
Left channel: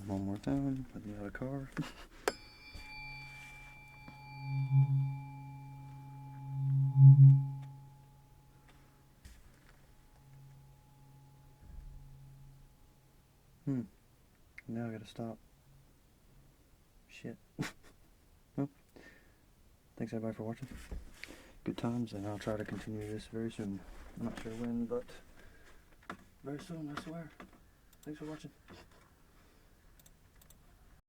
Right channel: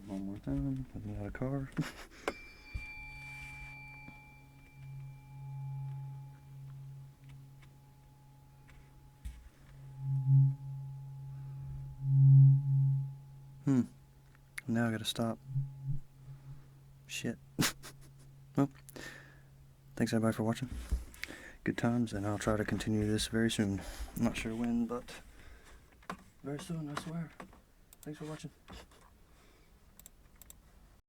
One more time, I know how to carve. Now I gotta stop. Shit. Well, thanks everybody for watching. Good times, and I'll try to continue this very soon. I'm not sure when, but very soon, I swear. Thanks for watching.